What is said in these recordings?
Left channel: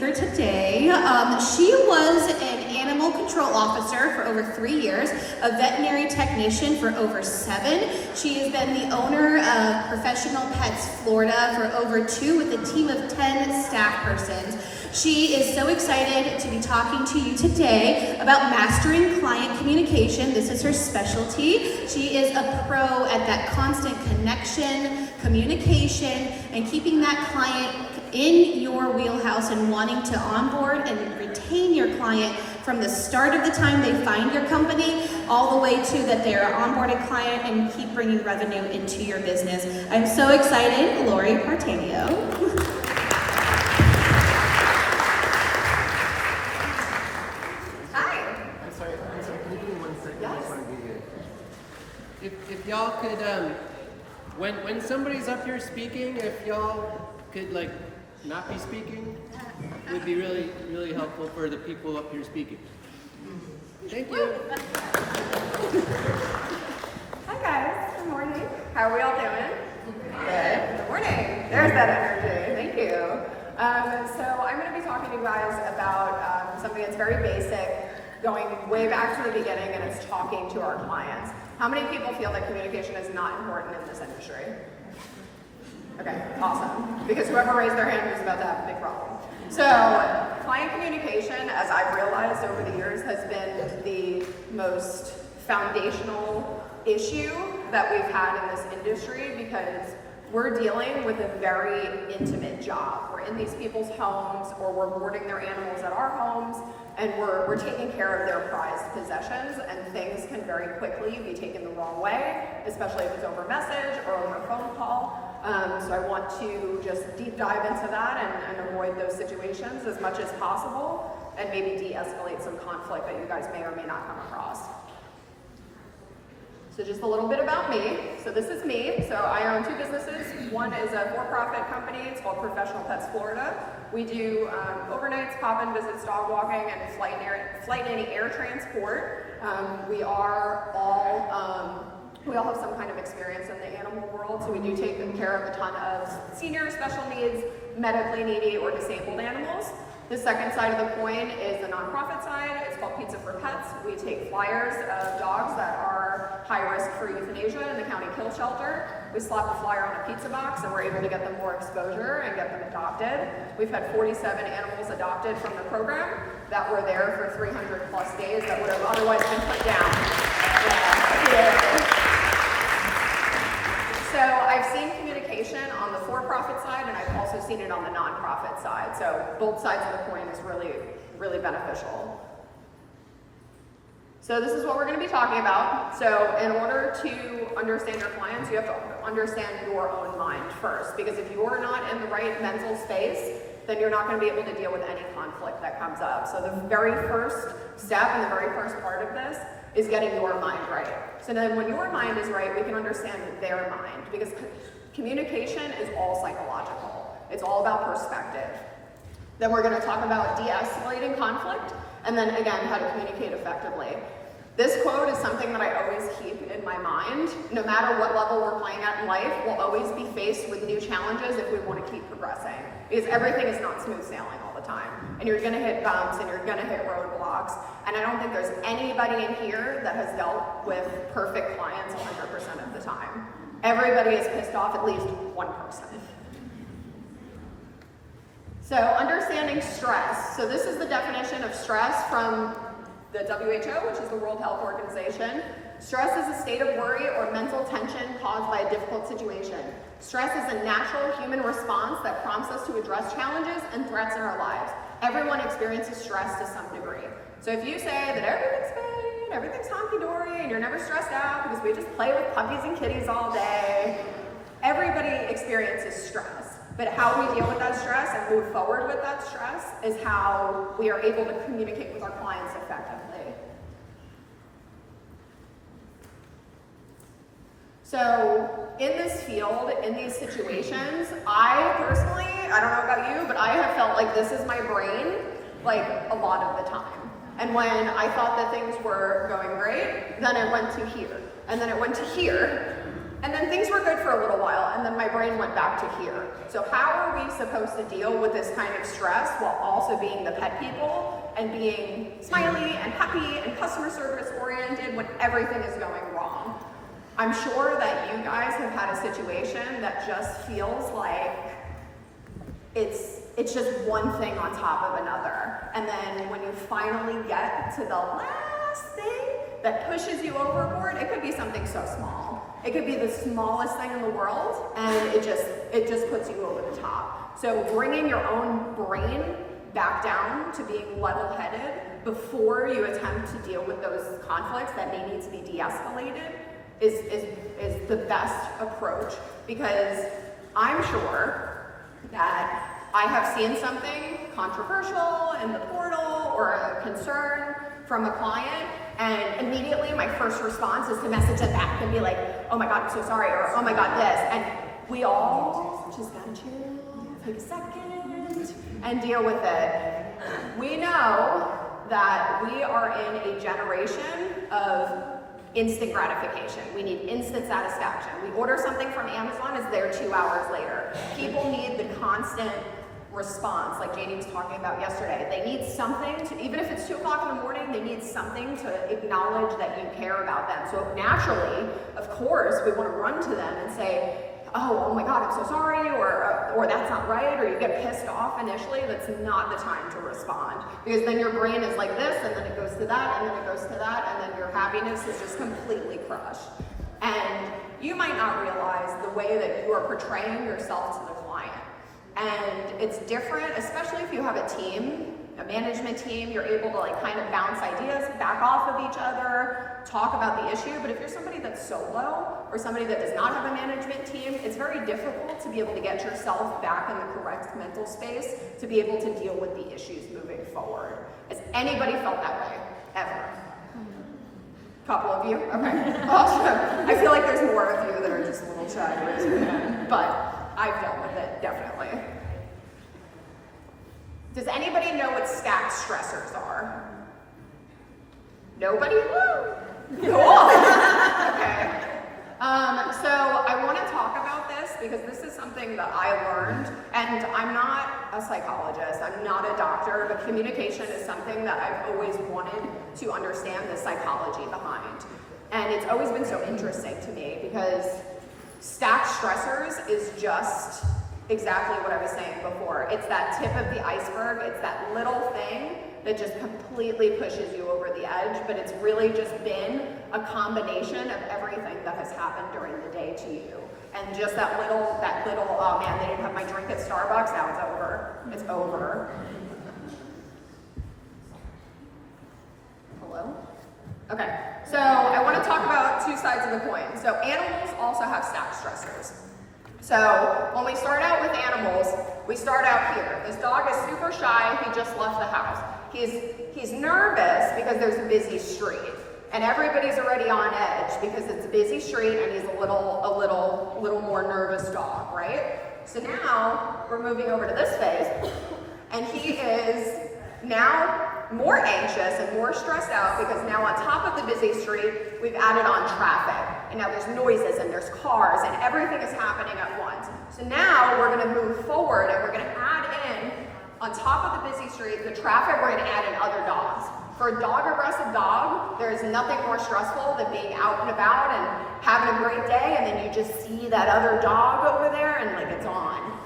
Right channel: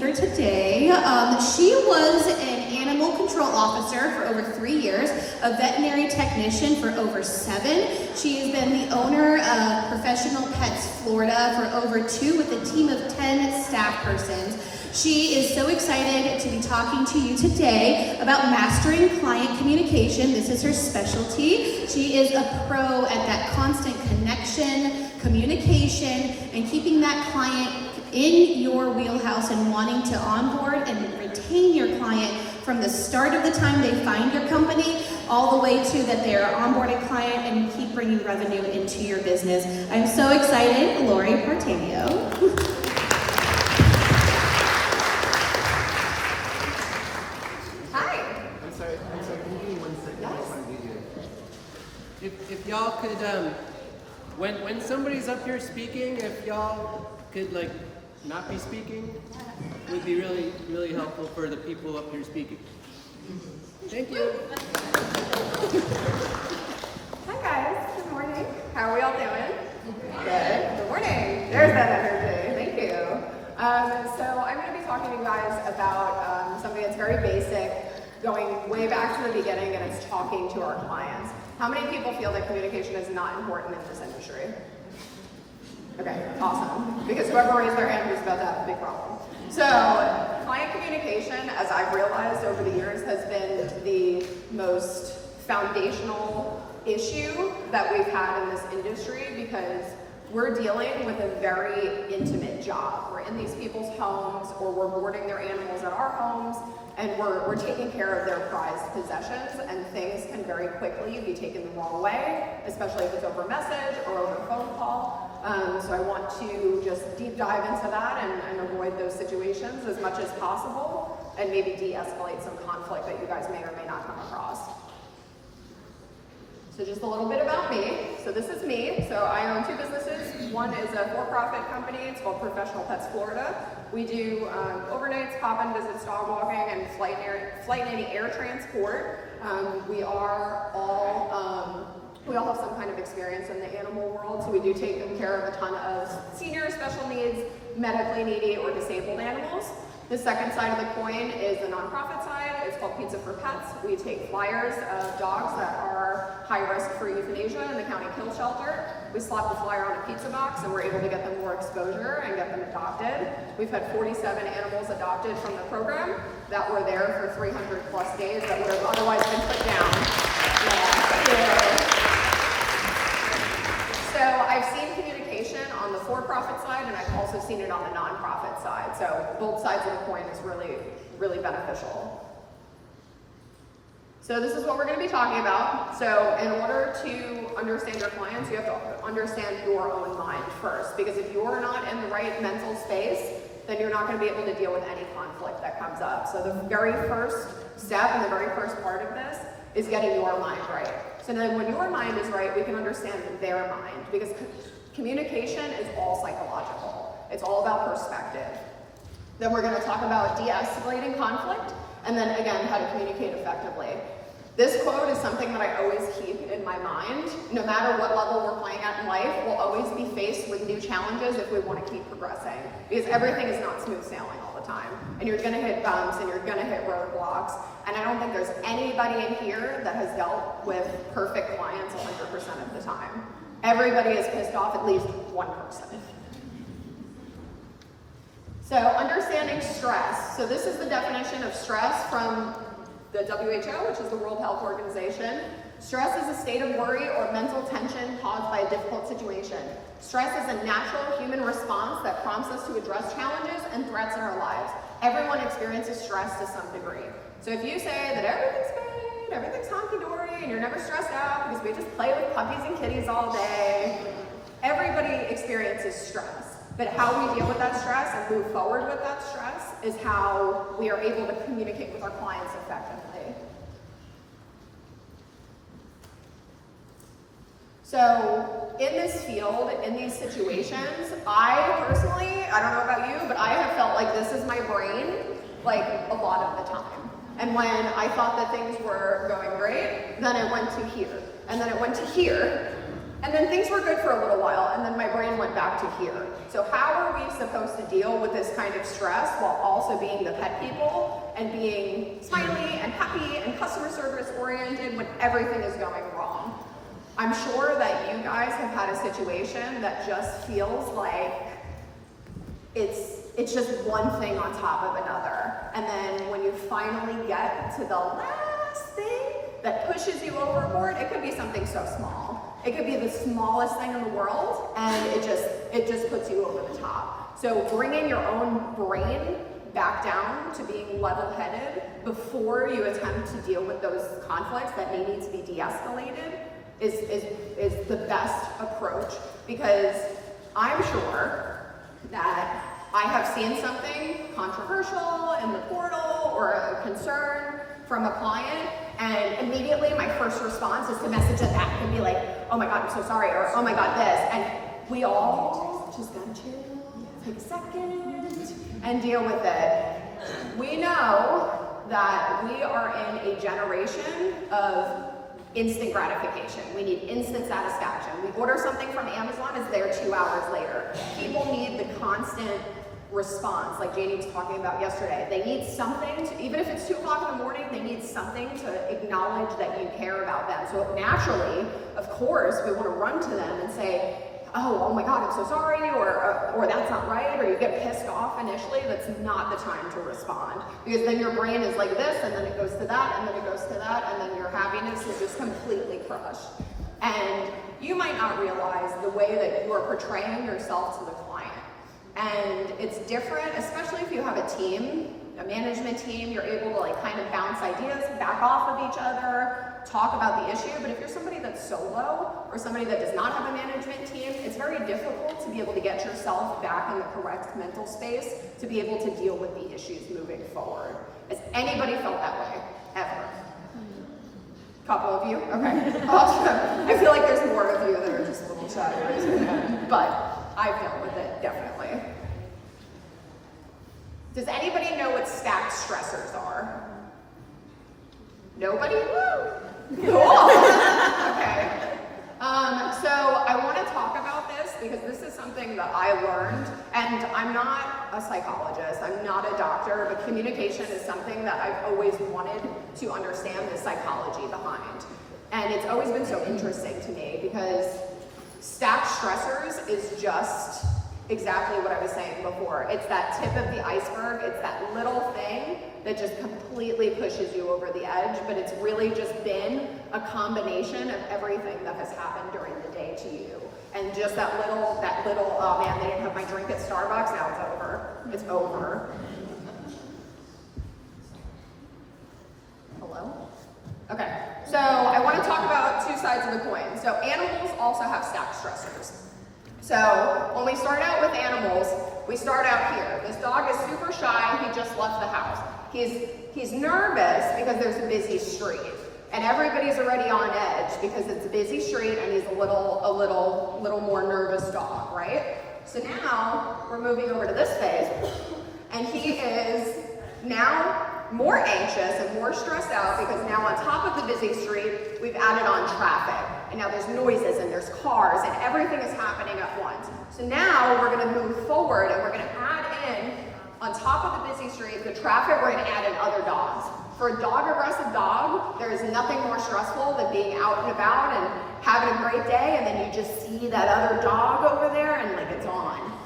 speaker today. She was an animal control officer for over 3 years, a veterinary technician for over 7. She has been the owner of Professional Pets Florida for over 2 with a team of 10 staff persons. She is so excited to be talking to you today about mastering client communication. This is her specialty. She is a pro at that constant connection, communication, and keeping that client in your wheelhouse and wanting to onboard and retain your client from the start of the time they find your company all the way to that they are onboarded client and keep bringing revenue into your business. I'm so excited, Lauri Partanio. If y'all could, when somebody's up here speaking, if y'all could not be speaking, would be really, really helpful for the people up here speaking. Thank you. Hi guys, good morning. How are we all doing? Good morning. There's that energy, thank you. So I'm going to be talking to you guys about something that's very basic, going way back to the beginning, and it's talking to our clients. How many people feel that communication is not important in this industry? Okay, awesome. Because whoever raised their hand was about to have a big problem. So, client communication, as I've realized over the years, has been the most foundational issue that we've had in this industry because we're dealing with a very intimate job. We're in these people's homes, or we're boarding their animals at our homes, and we're taking care of their prized possessions, and things can very quickly be taken the wrong way, especially if it's over message or over a phone call. So I want to just deep dive into that and avoid those situations as much as possible, and maybe de-escalate some conflict that you guys may or may not come across. So just a little bit about me. So this is me. So I own 2 businesses. One is a for-profit company. It's called Professional Pets Florida. We do overnights, pop-in visits, dog walking, and flight nanny air transport. We all have some kind of experience in the animal world, so we do take care of a ton of senior, special needs, medically needy, or disabled animals. The second side of the coin is the nonprofit side. It's called Pizza for Pets. We take flyers of dogs that are high risk for euthanasia in the county kill shelter. We slap the flyer on a pizza box, and we're able to get them more exposure and get them adopted. We've had 47 animals adopted from the program that were there for 300 plus days that would have otherwise been put down. So I've seen communication on the for-profit side, and I've also seen it on the nonprofit side. So both sides of the coin is really, really beneficial. So this is what we're going to be talking about. So in order to understand your clients, you have to understand your own mind first. Because if you're not in the right mental space, then you're not going to be able to deal with any conflict that comes up. So the very first step and the very first part of this is getting your mind right. So then when your mind is right, we can understand their mind. Because communication is all psychological. It's all about perspective. Then we're going to talk about de-escalating conflict, and then again, how to communicate effectively. This quote is something that I always keep in my mind. No matter what level we're playing at in life, we'll always be faced with new challenges if we want to keep progressing. Because everything is not smooth sailing all the time. And you're going to hit bumps, and you're going to hit roadblocks. And I don't think there's anybody in here that has dealt with perfect clients 100% of the time. Everybody is pissed off at least one person. So understanding stress. So this is the definition of stress from the WHO, which is the World Health Organization. Stress is a state of worry or mental tension caused by a difficult situation. Stress is a natural human response that prompts us to address challenges and threats in our lives. Everyone experiences stress to some degree. So if you say that everything's fine, everything's honky-dory, and you're never stressed out because we just play with puppies and kitties all day, everybody experiences stress. But how we deal with that stress and move forward with that stress is how we are able to communicate with our clients effectively. So in this field, in these situations, I personally, I don't know about you, but I have felt like this is my brain, like a lot of the time. And when I thought that things were going great, then I went to here, and then I went to here, and then things were good for a little while, and then my brain went back to here. So how are we supposed to deal with this kind of stress while also also being the pet people and being smiley and happy and customer service oriented when everything is going wrong. I'm sure that you guys have had a situation that just feels like it's just one thing on top of another. And then when you finally get to the last thing that pushes you overboard, it could be something so small. It could be the smallest thing in the world, and it just puts you over the top. So bringing your own brain back down to being level-headed before you attempt to deal with those conflicts that may need to be de-escalated is the best approach, because I'm sure that I have seen something controversial in the portal or a concern from a client, and immediately my first response is to message it back and be like, oh my God, I'm so sorry, or oh my God, this. And we all just gotta chill, take a second, and deal with it. We know that we are in a generation of instant gratification. We need instant satisfaction. We order something from Amazon, it's there 2 hours later. People need the constant response, like Janie was talking about yesterday. They need something to, even if it's 2 o'clock in the morning, they need something to acknowledge that you care about them. So naturally, of course, we want to run to them and say, oh my God, I'm so sorry, or that's not right, or you get pissed off initially. That's not the time to respond, because then your brain is like this, and then it goes to that, and then it goes to that, and then your happiness is just completely crushed. And you might not realize the way that you are portraying yourself to the client. And it's different, especially if you have a team, a management team, you're able to like kind of bounce ideas back off of each other, talk about the issue. But if you're somebody that's solo or somebody that does not have a management team, it's very difficult to be able to get yourself back in the correct mental space to be able to deal with the issues moving forward. Has anybody felt that way, ever? Couple of you? Okay. Awesome. I feel like there's more of you that are just a little chatty, but I've dealt with it, definitely. Does anybody know what stacked stressors are? Nobody? Woo! Cool. Okay. So I want to talk about this because this is something that I learned, and I'm not a psychologist, I'm not a doctor, but communication is something that I've always wanted to understand the psychology behind. And it's always been so interesting to me because stacked stressors is just exactly what I was saying before. It's that tip of the iceberg. It's that little thing that just completely pushes you over the edge, but it's really just been a combination of everything that has happened during the day to you. And just that little, oh man, they didn't have my drink at Starbucks, now it's over. It's over. Hello? Okay, so I want to talk about two sides of the coin. So animals also have stacked stressors. So when we start out with animals, we start out here. This dog is super shy, he just left the house. He's nervous because there's a busy street. And everybody's already on edge because it's a busy street and he's a little more nervous dog, right? So now we're moving over to this phase, and he is now more anxious and more stressed out because now on top of the busy street, we've added on traffic. And now there's noises and there's cars and everything is happening at once. So now we're gonna move forward and we're gonna add in, on top of the busy street, the traffic, we're gonna add in other dogs. For a dog-aggressive dog, there is nothing more stressful than being out and about and having a great day, and then you just see that other dog over there and like it's on.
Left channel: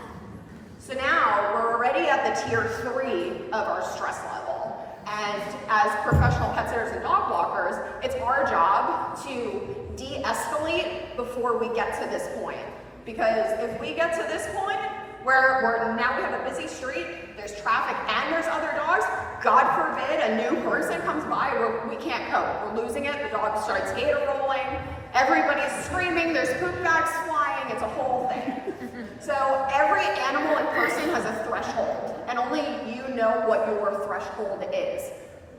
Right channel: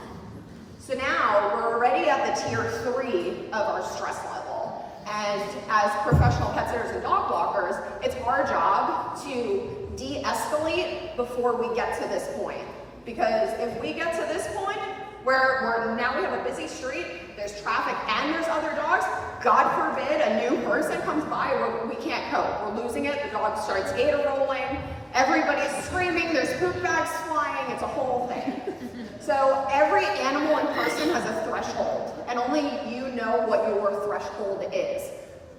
So now we're already at the tier 3 of our stress level. And as professional pet sitters and dog walkers, it's our job to de-escalate before we get to this point. Because if we get to this point, where now we have a busy street, there's traffic and there's other dogs, God forbid a new person comes by, we can't cope. We're losing it, the dog starts gator rolling, everybody's screaming, there's poop bags flying, it's a whole thing. So every animal and person has a threshold, and only you know what your threshold is.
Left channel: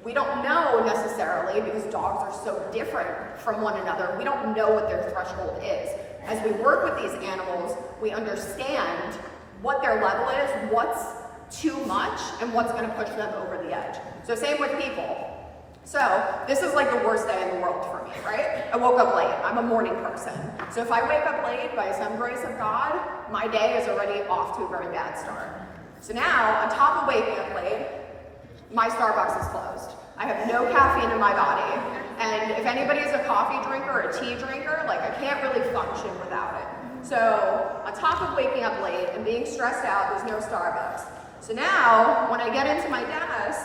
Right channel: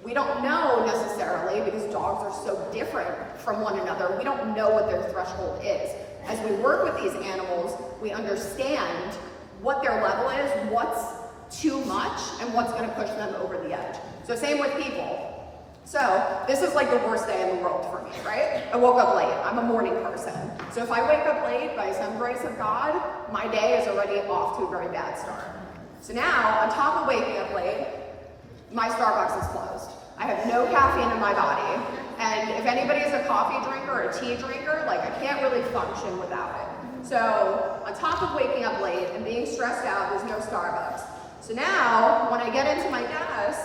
We don't know necessarily, because dogs are so different from one another, we don't know what their threshold is. As we work with these animals, we understand what their level is, what's too much, and what's going to push them over the edge. So same with people. So this is like the worst day in the world for me, right? I woke up late. I'm a morning person. So if I wake up late, by some grace of God, my day is already off to a very bad start. So now, on top of waking up late, my Starbucks is closed. I have no caffeine in my body. And if anybody is a coffee drinker or a tea drinker, like I can't really function without it. So on top of waking up late and being stressed out, there's no Starbucks. So now, when I get into my desk,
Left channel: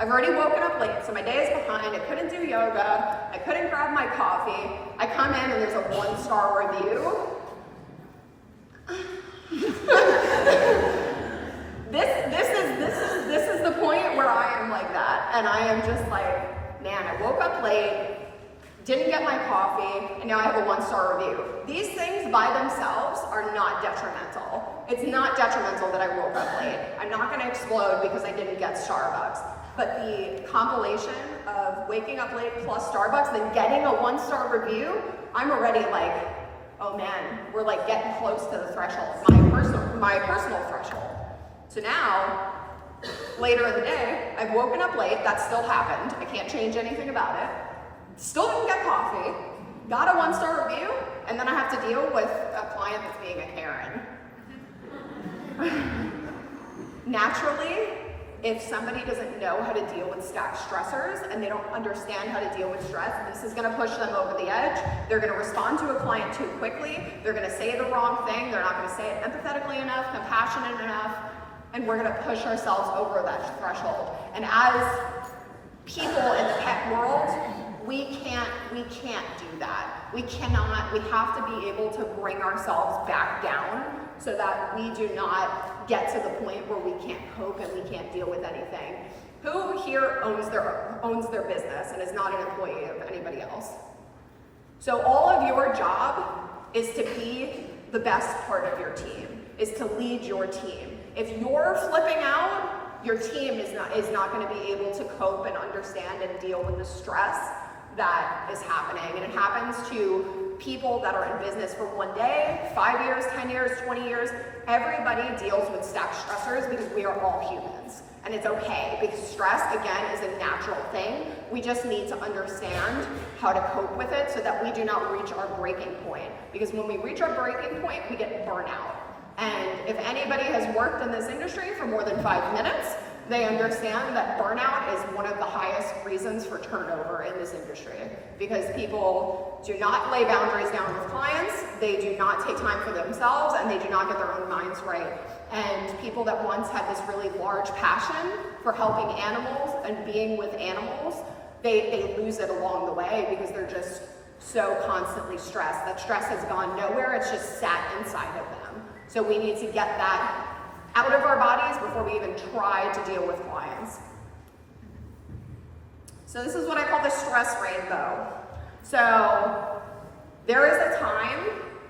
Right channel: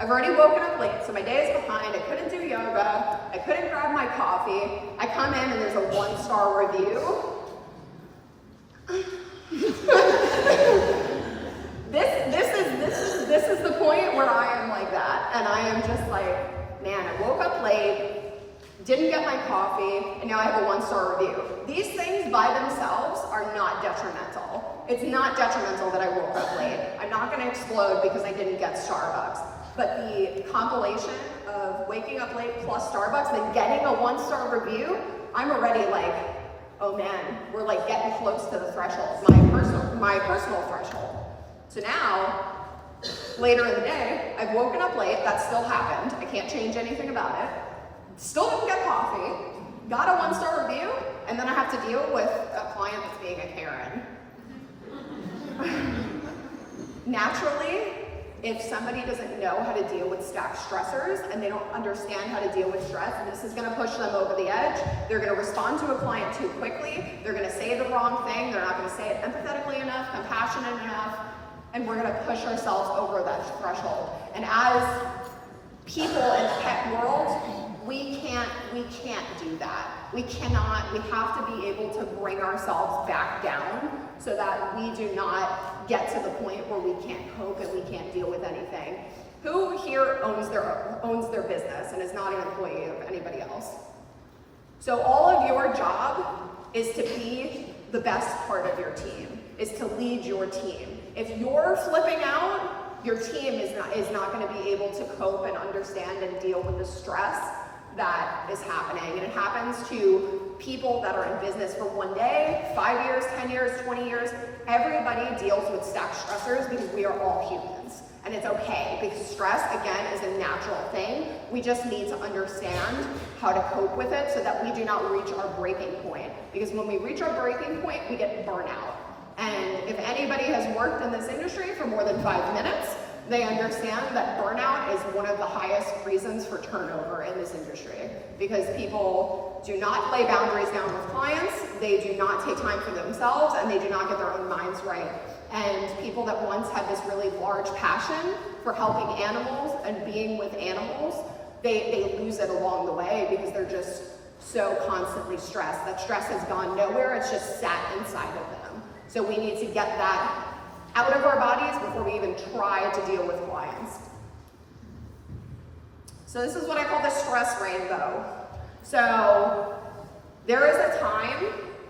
I've already woken up late, so my day is behind. I couldn't do yoga. I couldn't grab my coffee. I come in and there's a 1-star review. This is the point where I am like that, and I am just like, man, I woke up late, didn't get my coffee, and now I have a 1-star review. These things by themselves are not detrimental. It's not detrimental that I woke up late. I'm not going to explode because I didn't get Starbucks. But the compilation of waking up late plus Starbucks, then getting a 1-star review, I'm already like, oh man, we're like getting close to the threshold, my personal threshold. So now, later in the day, I've woken up late, that still happened, I can't change anything about it, still didn't get coffee, got a 1-star review, and then I have to deal with a client that's being a Karen. Naturally, if somebody doesn't know how to deal with staff stressors and they don't understand how to deal with stress, this is going to push them over the edge. They're going to respond to a client too quickly. They're going to say the wrong thing. They're not going to say it empathetically enough, compassionate enough, and we're going to push ourselves over that threshold. And as people in the tech world, we can't do that. We have to be able to bring ourselves back down so that we do not get to the point where we can't cope and we can't deal with anything. Who here owns their business and is not an employee of anybody else? So all of your job is to be the best part of your team, is to lead your team. If you're flipping out, your team is not going to be able to cope and understand and deal with the stress that is happening. And it happens to people that are in business for one day, 5 years, 10 years, 20 years. Everybody deals with staff stressors because we are all humans. And it's okay, because stress, again, is a natural thing. We just need to understand how to cope with it so that we do not reach our breaking point. Because when we reach our breaking point, we get burnout. And if anybody has worked in this industry for more than 5 minutes, they understand that burnout is one of the highest reasons for turnover in this industry, because people do not lay boundaries down with clients, they do not take time for themselves, and they do not get their own minds right. And people that once had this really large passion for helping animals and being with animals, they lose it along the way because they're just so constantly stressed. That stress has gone nowhere, it's just sat inside of them. So we need to get that out of our bodies before we even try to deal with clients. So this is what I call the stress rainbow. So there is a time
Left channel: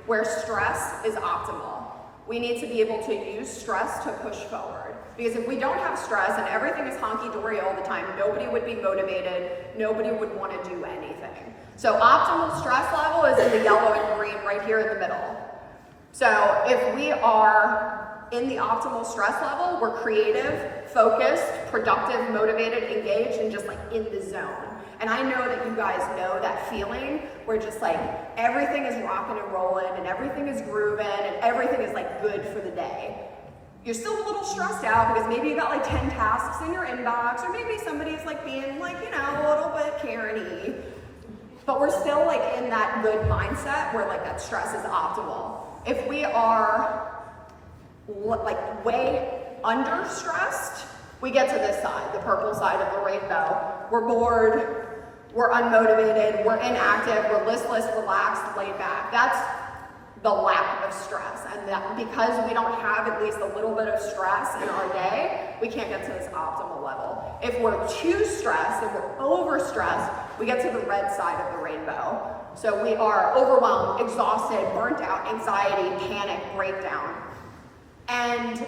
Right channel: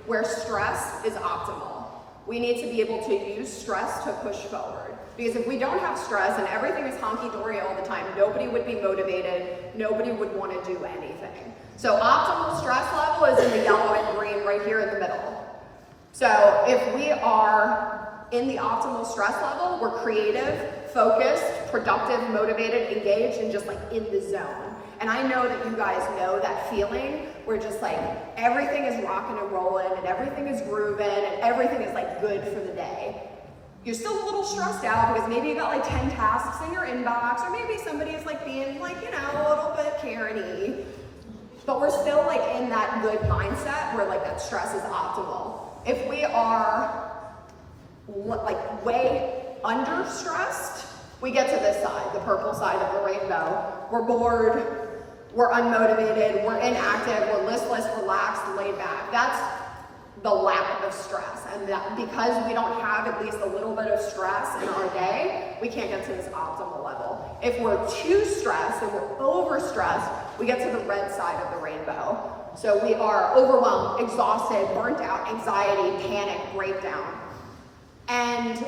where stress is optimal. We need to be able to use stress to push forward. Because if we don't have stress and everything is honky-dory all the time, nobody would be motivated, nobody would want to do anything. So optimal stress level is in the yellow and green right here in the middle. So if we are in the optimal stress level, we're creative, focused, productive, motivated, engaged, and just like in the zone. And I know that you guys know that feeling where just like everything is rocking and rolling and everything is grooving and everything is like good for the day. You're still a little stressed out because maybe you got like 10 tasks in your inbox, or maybe somebody's like being like, you know, a little bit Karen-y. But we're still like in that good mindset where like that stress is optimal. If we are like way under stressed, we get to this side, the purple side of the rainbow. We're bored, we're unmotivated, we're inactive, we're listless, relaxed, laid back. That's the lack of stress. And that because we don't have at least a little bit of stress in our day, we can't get to this optimal level. If we're too stressed and we're overstressed, we get to the red side of the rainbow. So we are overwhelmed, exhausted, burnt out, anxiety, panic, breakdown. And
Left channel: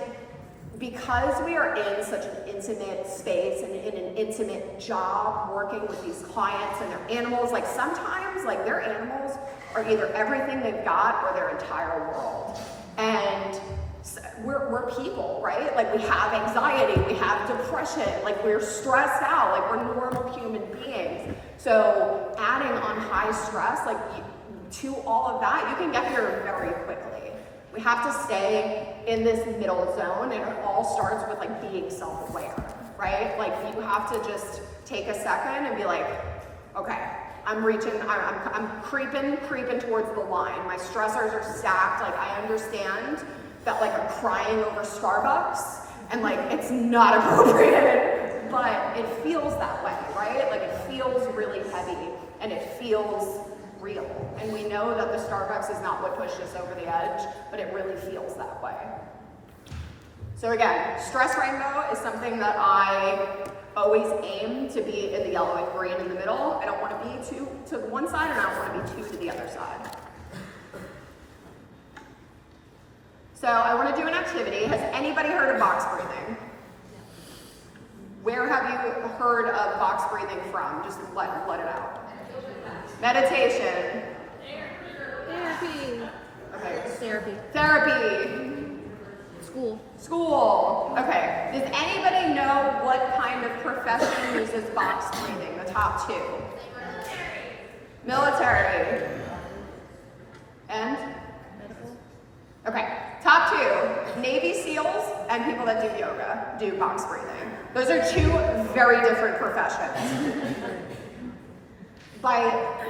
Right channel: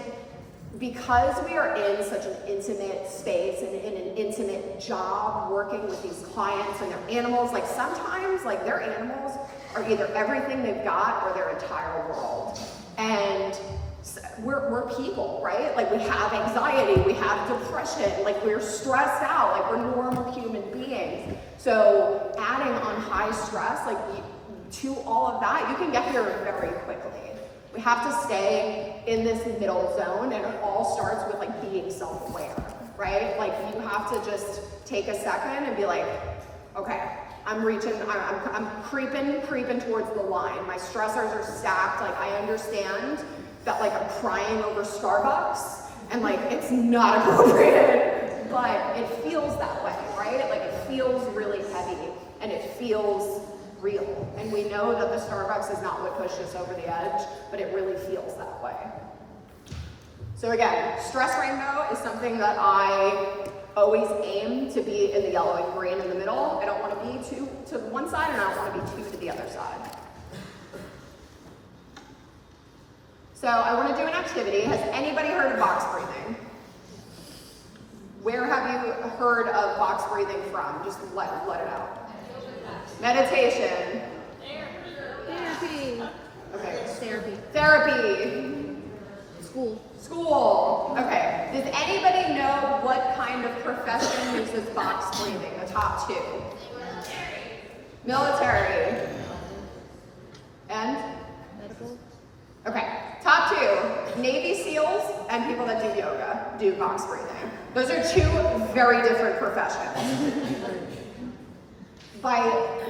because we are in such an intimate space and in an intimate job working with these clients and their animals, like sometimes like their animals are either everything they've got or their entire world. And we're people, right? Like we have anxiety, we have depression, like we're stressed out, like we're normal human beings. So adding on high stress, like to all of that, you can get here very quickly. We have to stay in this middle zone, and it all starts with like being self-aware, right? Like you have have to just take a second and be like, okay, I'm creeping towards the line. My stressors are stacked. Like, I understand that like I'm crying over Starbucks and like it's not appropriate, but it feels that way, right? Like it feels really heavy and it feels real. And we know that the Starbucks is not what pushed us over the edge, but it really feels that way. So again, stress rainbow is something that I always aim to be in the yellow and green in the middle. I don't want to be too to one side and I don't want to be too to the other side. So I want to do an activity. Has anybody heard of box breathing? Where have you heard of box breathing from? Just let it out. Meditation. Therapy. Okay. Therapy. School. Okay. Does anybody know what kind of profession uses box breathing? The top two. Military. And? Medical. Okay. Top two. Navy SEALs and people that do yoga do box breathing. Those are two very different professions. By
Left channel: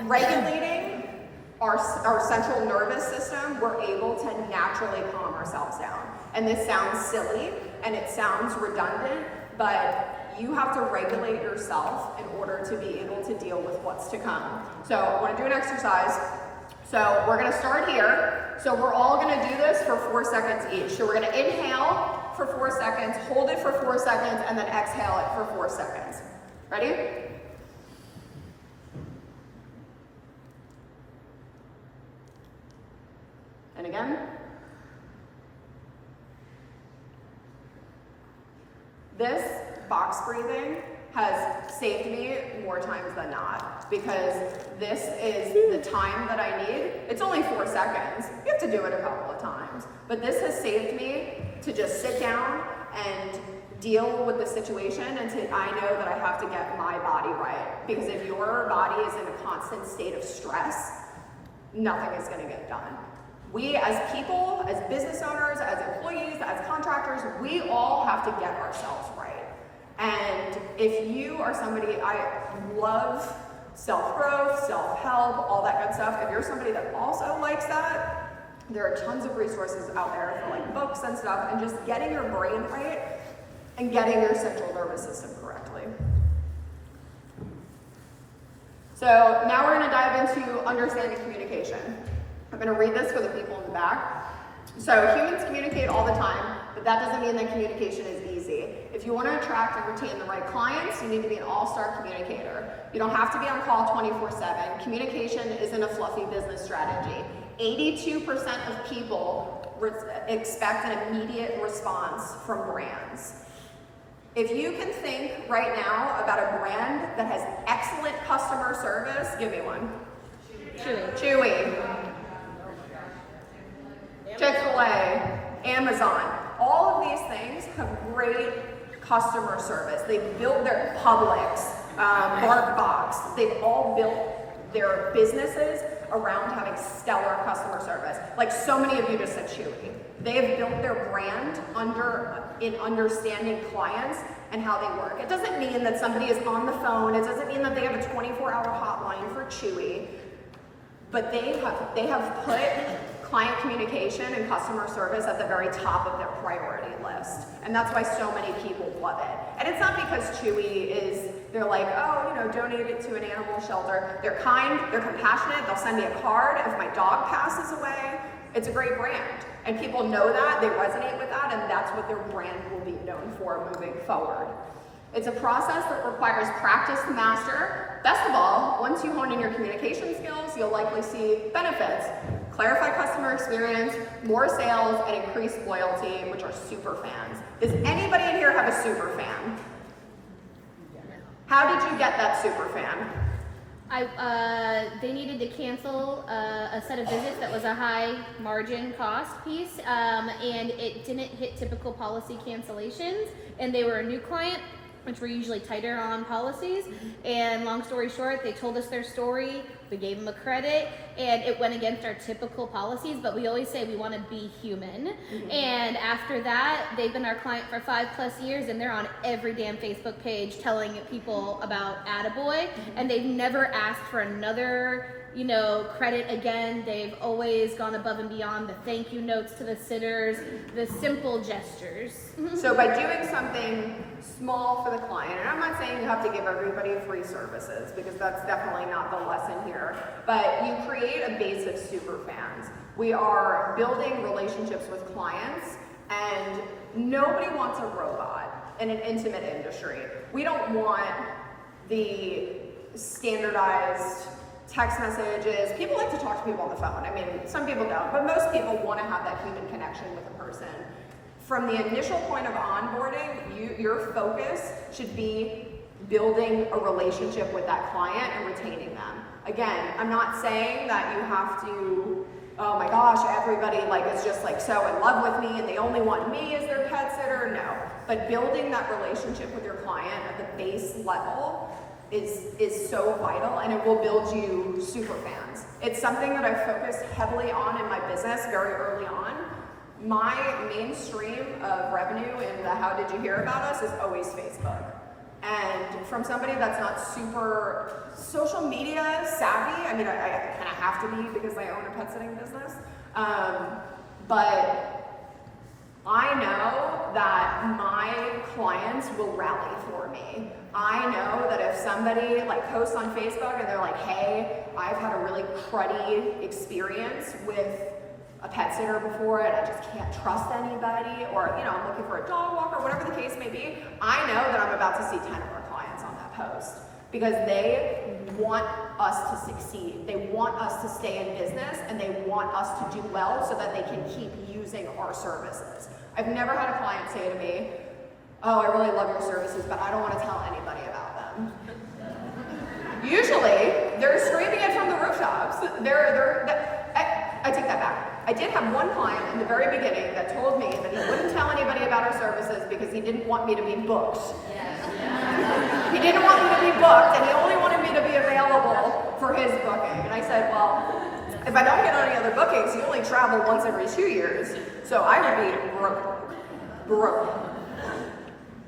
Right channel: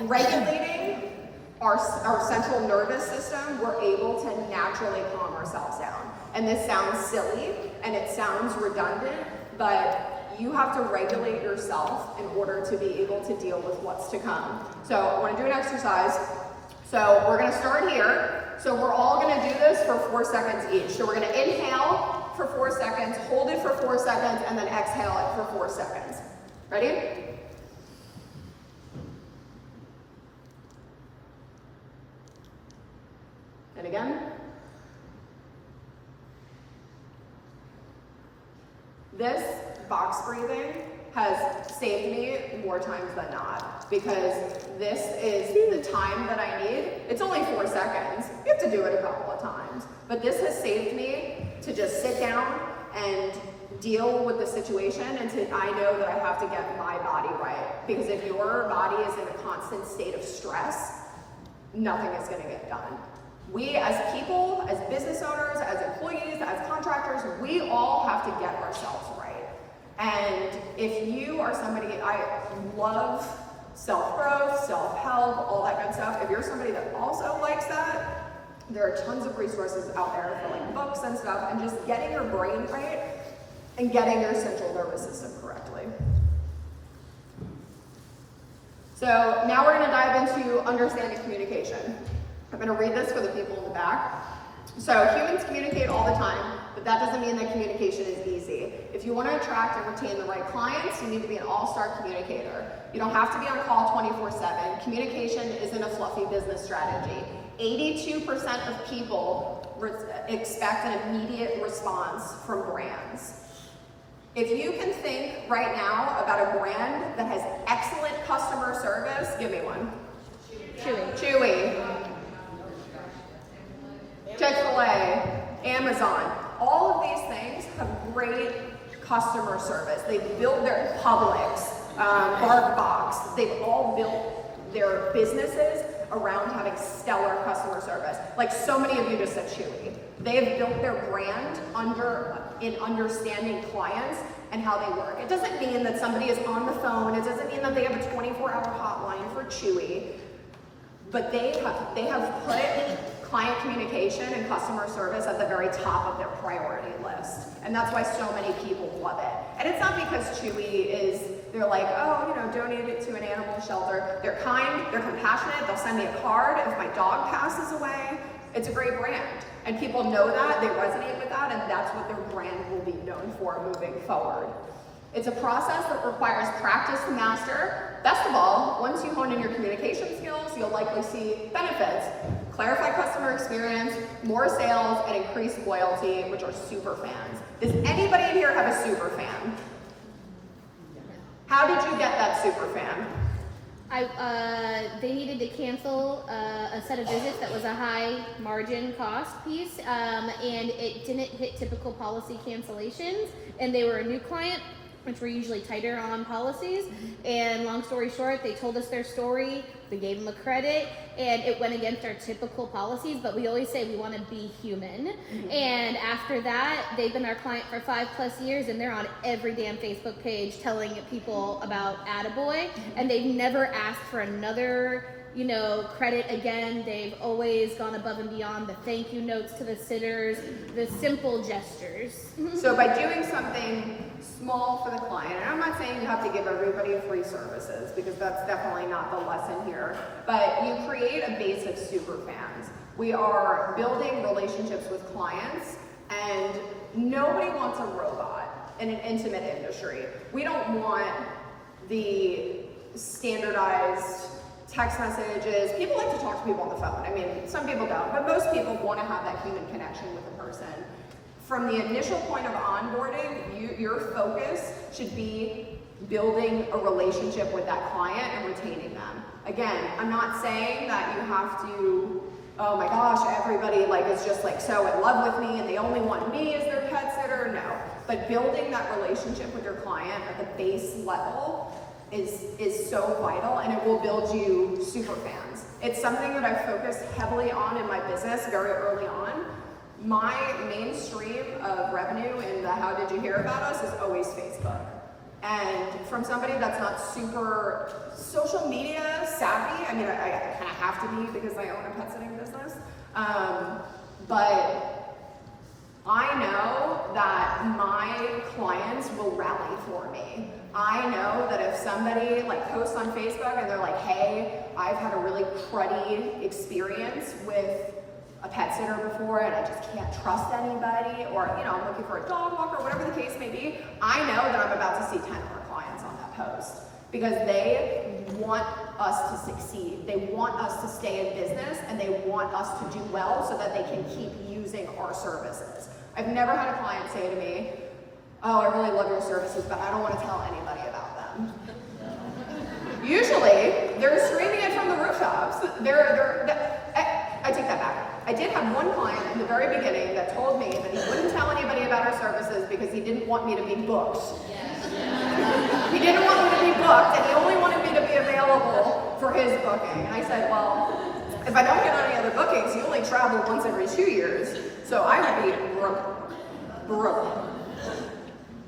regulating our central nervous system, we're able to naturally calm ourselves down. And this sounds silly and it sounds redundant, but you have to regulate yourself in order to be able to deal with what's to come. So I want to do an exercise. So we're going to start here. So we're all going to do this for 4 seconds each. So we're going to inhale for 4 seconds, hold it for 4 seconds, and then exhale it for 4 seconds. Ready? And again. This box breathing has saved me more times than not because this is the time that I need. It's only 4 seconds. You have to do it a couple of times. But this has saved me to just sit down and deal with the situation and I know that I have to get my body right. Because if your body is in a constant state of stress, nothing is going to get done. We as people, as business owners, as employees, as contractors, we all have to get ourselves right. And if you are somebody, I love self-growth, self-help, all that good stuff. If you're somebody that also likes that, there are tons of resources out there for like books and stuff, and just getting your brain right and getting your central nervous system correctly. So now we're going to dive into understanding communication. I'm going to read this for the people in the back. So humans communicate all the time, but that doesn't mean that communication is easy. If you want to attract and retain the right clients, you need to be an all-star communicator. You don't have to be on call 24/7. Communication isn't a fluffy business strategy. 82% of people expect an immediate response from brands. If you can think right now about a brand that has excellent customer service, give me one. Chewy. Chick-fil-A, Amazon, all of these things have great customer service. They've built their Publix, BarkBox, they've all built their businesses around having stellar customer service. Like so many of you just said Chewy. They have built their brand in understanding clients and how they work. It doesn't mean that somebody is on the phone, it doesn't mean that they have a 24-hour hotline for Chewy, but they have put client communication and customer service at the very top of their priority list. And that's why so many people love it. And it's not because they're like, oh, donate it to an animal shelter. They're kind, they're compassionate, they'll send me a card if my dog passes away. It's a great brand. And people know that, they resonate with that, and that's what their brand will be known for moving forward. It's a process that requires practice to master. Best of all, once you hone in your communication skills, you'll likely see benefits. Clarify customer experience, more sales, and increased loyalty, which are super fans. Does anybody in here have a super fan? How did you get that super fan? They needed to cancel a set of visits that was a high margin cost piece, and it didn't hit typical policy cancellations, and they were a new client, which were usually tighter on policies. And long story short, they told us their story, we gave them a credit, and it went against our typical policies, but we always say we want to be human. And after that, they've been our client for 5+ years, and they're on every damn Facebook page telling people about Attaboy, and they've never asked for another credit again. They've always gone above and beyond, the thank you notes to the sitters, the simple gestures. So by doing something small for the client, and I'm not saying you have to give everybody free services, because that's definitely not the lesson here, but you create a base of super fans. We are building relationships with clients, and nobody wants a robot in an intimate industry. We don't want the standardized text messages. People like to talk to people on the phone. I mean, some people don't, but most people want to have that human connection with a person. From the initial point of onboarding, your focus should be building a relationship with that client and retaining them. Again, I'm not saying that you have to, oh my gosh, everybody is just so in love with me and they only want me as their pet sitter. No, but building that relationship with your client at the base level is so vital, and it will build you super fans. It's something that I've focused heavily on in my business very early on. My main stream of revenue in the how did you hear about us is always Facebook. And from somebody that's not super social media savvy, I mean, I kind of have to be because I own a pet sitting business, but I know that my clients will rally for me. I know that if somebody posts on Facebook and they're like, hey, I've had a really cruddy experience with a pet sitter before and I just can't trust anybody, or I'm looking for a dog walker, whatever the case may be, I know that I'm about to see 10 other clients on that post, because they want us to succeed. They want us to stay in business, and they want us to do well so that they can keep using our services. I've never had a client say to me, oh, I really love your services, but I don't want to tell anybody about them. Usually, they're screaming it from the rooftops. I take that back. I did have one client in the very beginning that told me that he wouldn't tell anybody about his services because he didn't want me to be booked. He didn't want me to be booked, and he only wanted me to be available for his booking. And I said, well, if I don't get any other bookings, you only travel once every 2 years, so I would be broke.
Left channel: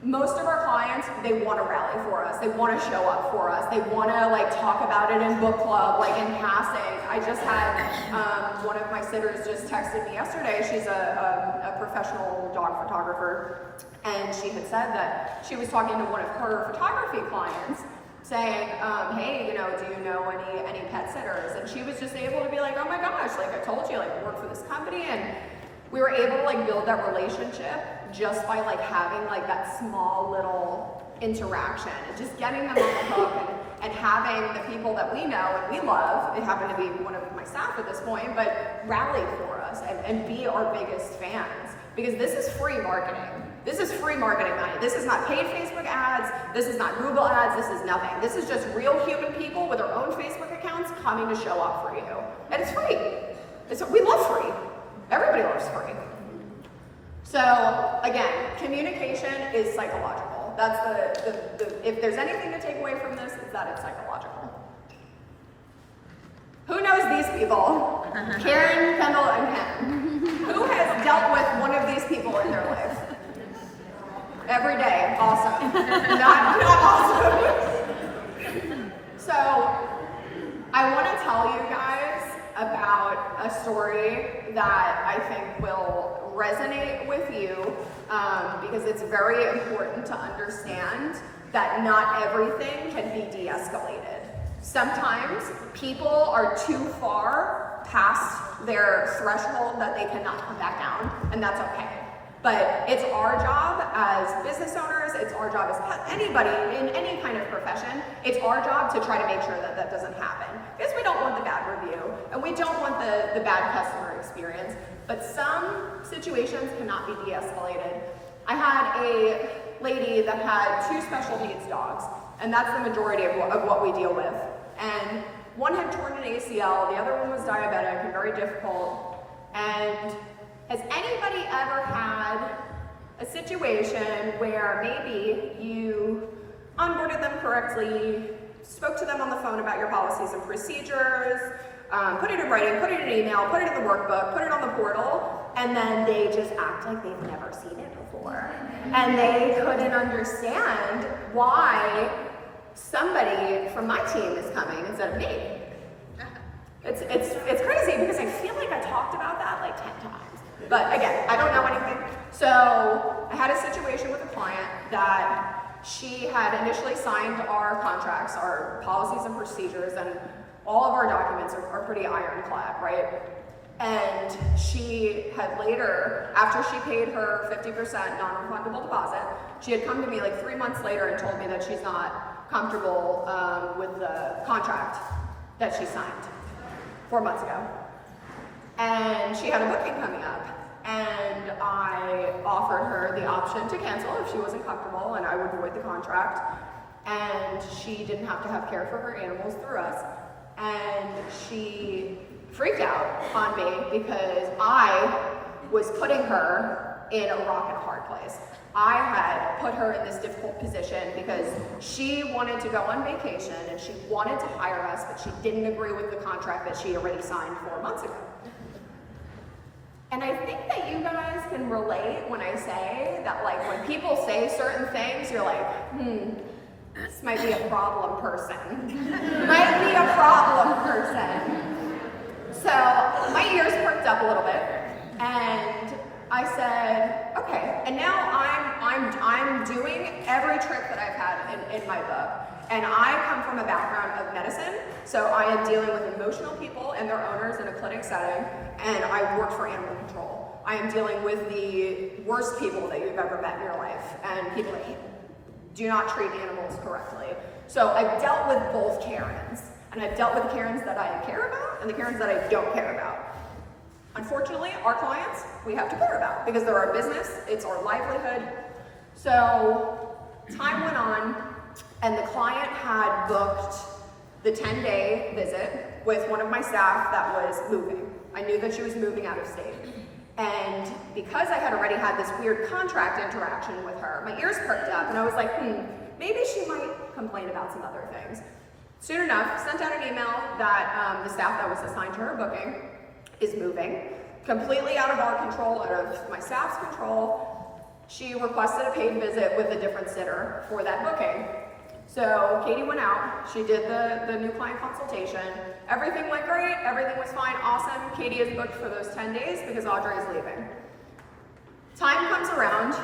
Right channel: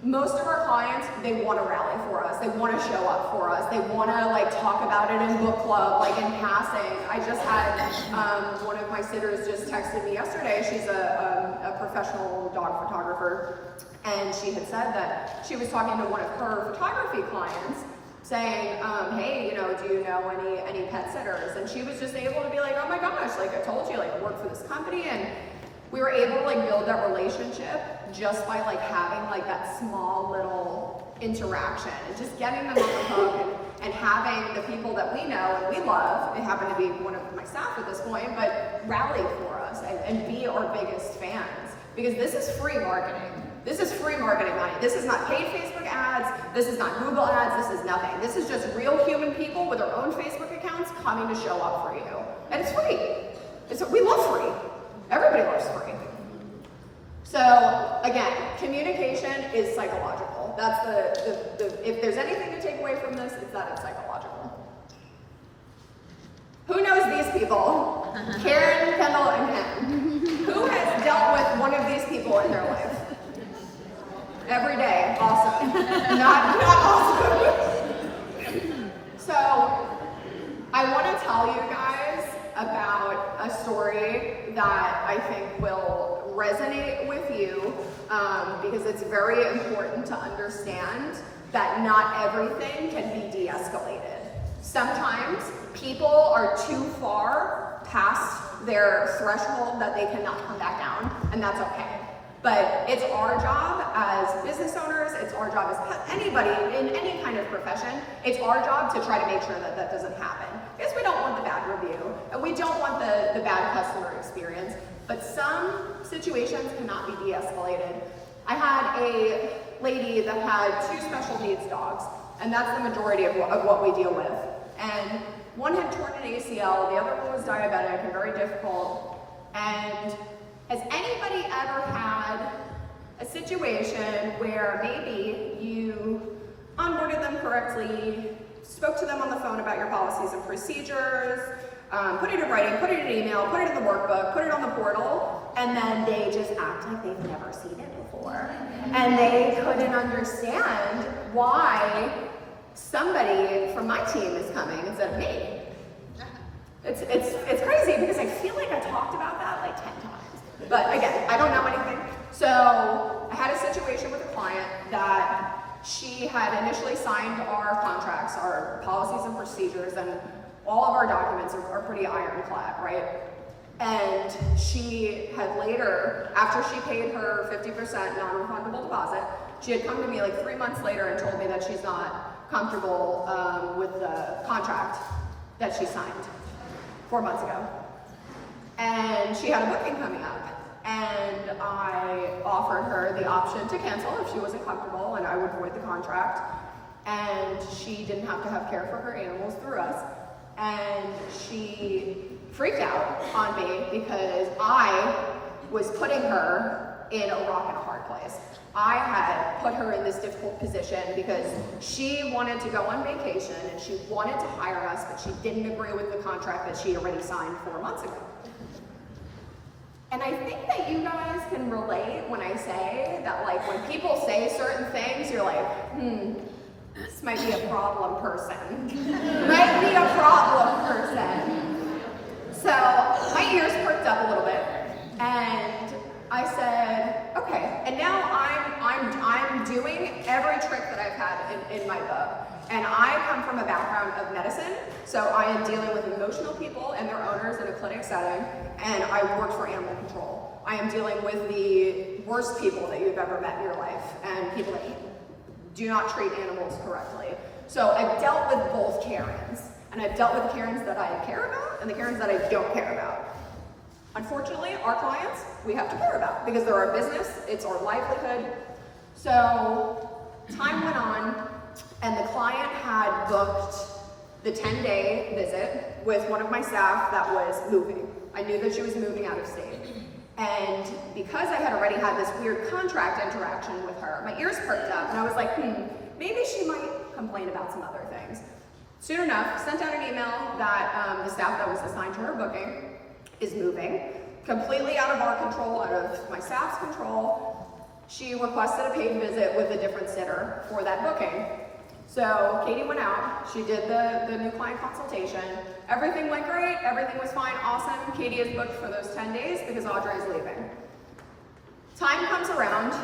Most of our clients, they want to rally for us. They want to show up for us. They want to talk about it in book club, in passing. I just had one of my sitters just texted me yesterday. She's a professional dog photographer, and she had said that she was talking to one of her photography clients, saying, hey, do you know any pet sitters? And she was just able to be like, oh my gosh, I told you, I work for this company, and we were able to build that relationship just by having that small little interaction, and just getting them on the hook, and having the people that we know and we love, they happen to be one of my staff at this point, but rally for us and be our biggest fans, because this is free marketing. This is free marketing money. This is not paid Facebook ads. This is not Google ads. This is nothing. This is just real human people with their own Facebook accounts coming to show up for you, and it's free. We love free. Everybody loves free. So again, communication is psychological. That's if there's anything to take away from this, it's that it's psychological. Who knows these people? Karen, Kendall, and Ken. Who has dealt with one of these people in their life? Every day. Awesome. Not awesome. So I want to tell you guys about a story that I think will resonate with you, because it's very important to understand that not everything can be de-escalated. Sometimes people are too far past their threshold that they cannot come back down, and that's okay. But it's our job as business owners, it's our job as anybody in any kind of profession, it's our job to try to make sure that that doesn't happen. Because we don't want the bad review, and we don't want the bad customer experience, but some situations cannot be de-escalated. I had a lady that had 2 special needs dogs, and that's the majority of what we deal with. And one had torn an ACL, the other one was diabetic and very difficult. And has anybody ever had a situation where maybe you concurrently spoke to them on the phone about your policies and procedures, put it in writing, put it in email, put it in the workbook, put it on the portal, and then they just act like they've never seen it before. And they couldn't understand why somebody from my team is coming instead of me. It's crazy because I feel like I talked about that like 10 times. But again, I don't know anything. So I had a situation with a client that she had initially signed our contracts, our policies and procedures, and all of our documents are pretty ironclad, right? And she had later, after she paid her 50% non-refundable deposit, she had come to me like 3 months later and told me that she's not comfortable with the contract that she signed 4 months ago. And she had a booking coming up. And I offered her the option to cancel if she wasn't comfortable and I would void the contract. And she didn't have to have care for her animals through us. And she freaked out on me because I was putting her in a rock and hard place. I had put her in this difficult position because she wanted to go on vacation and she wanted to hire us, but she didn't agree with the contract that she already signed 4 months ago. And I think that you guys can relate when I say that, like, when people say certain things, you're like, this might be a problem person. Might be a problem person. So my ears perked up a little bit, and I said, okay. And now I'm doing every trick that I've had in my book. And I come from a background of medicine, so I am dealing with emotional people and their owners in a clinic setting, and I work for animal control. I am dealing with the worst people that you've ever met in your life, and people that do not treat animals correctly. So I've dealt with both Karens, and I've dealt with the Karens that I care about and the Karens that I don't care about. Unfortunately, our clients, we have to care about because they're our business, it's our livelihood. So time went on, and the client had booked the 10-day visit with one of my staff that was moving. I knew that she was moving out of state. And because I had already had this weird contract interaction with her, my ears perked up, and I was like, maybe she might complain about some other things. Soon enough, sent out an email that the staff that was assigned to her booking is moving, completely out of our control, out of my staff's control. She requested a paid visit with a different sitter for that booking. So Katie went out, she did the new client consultation, everything went great, everything was fine, awesome. Katie is booked for those 10 days because Audrey is leaving. Time comes around,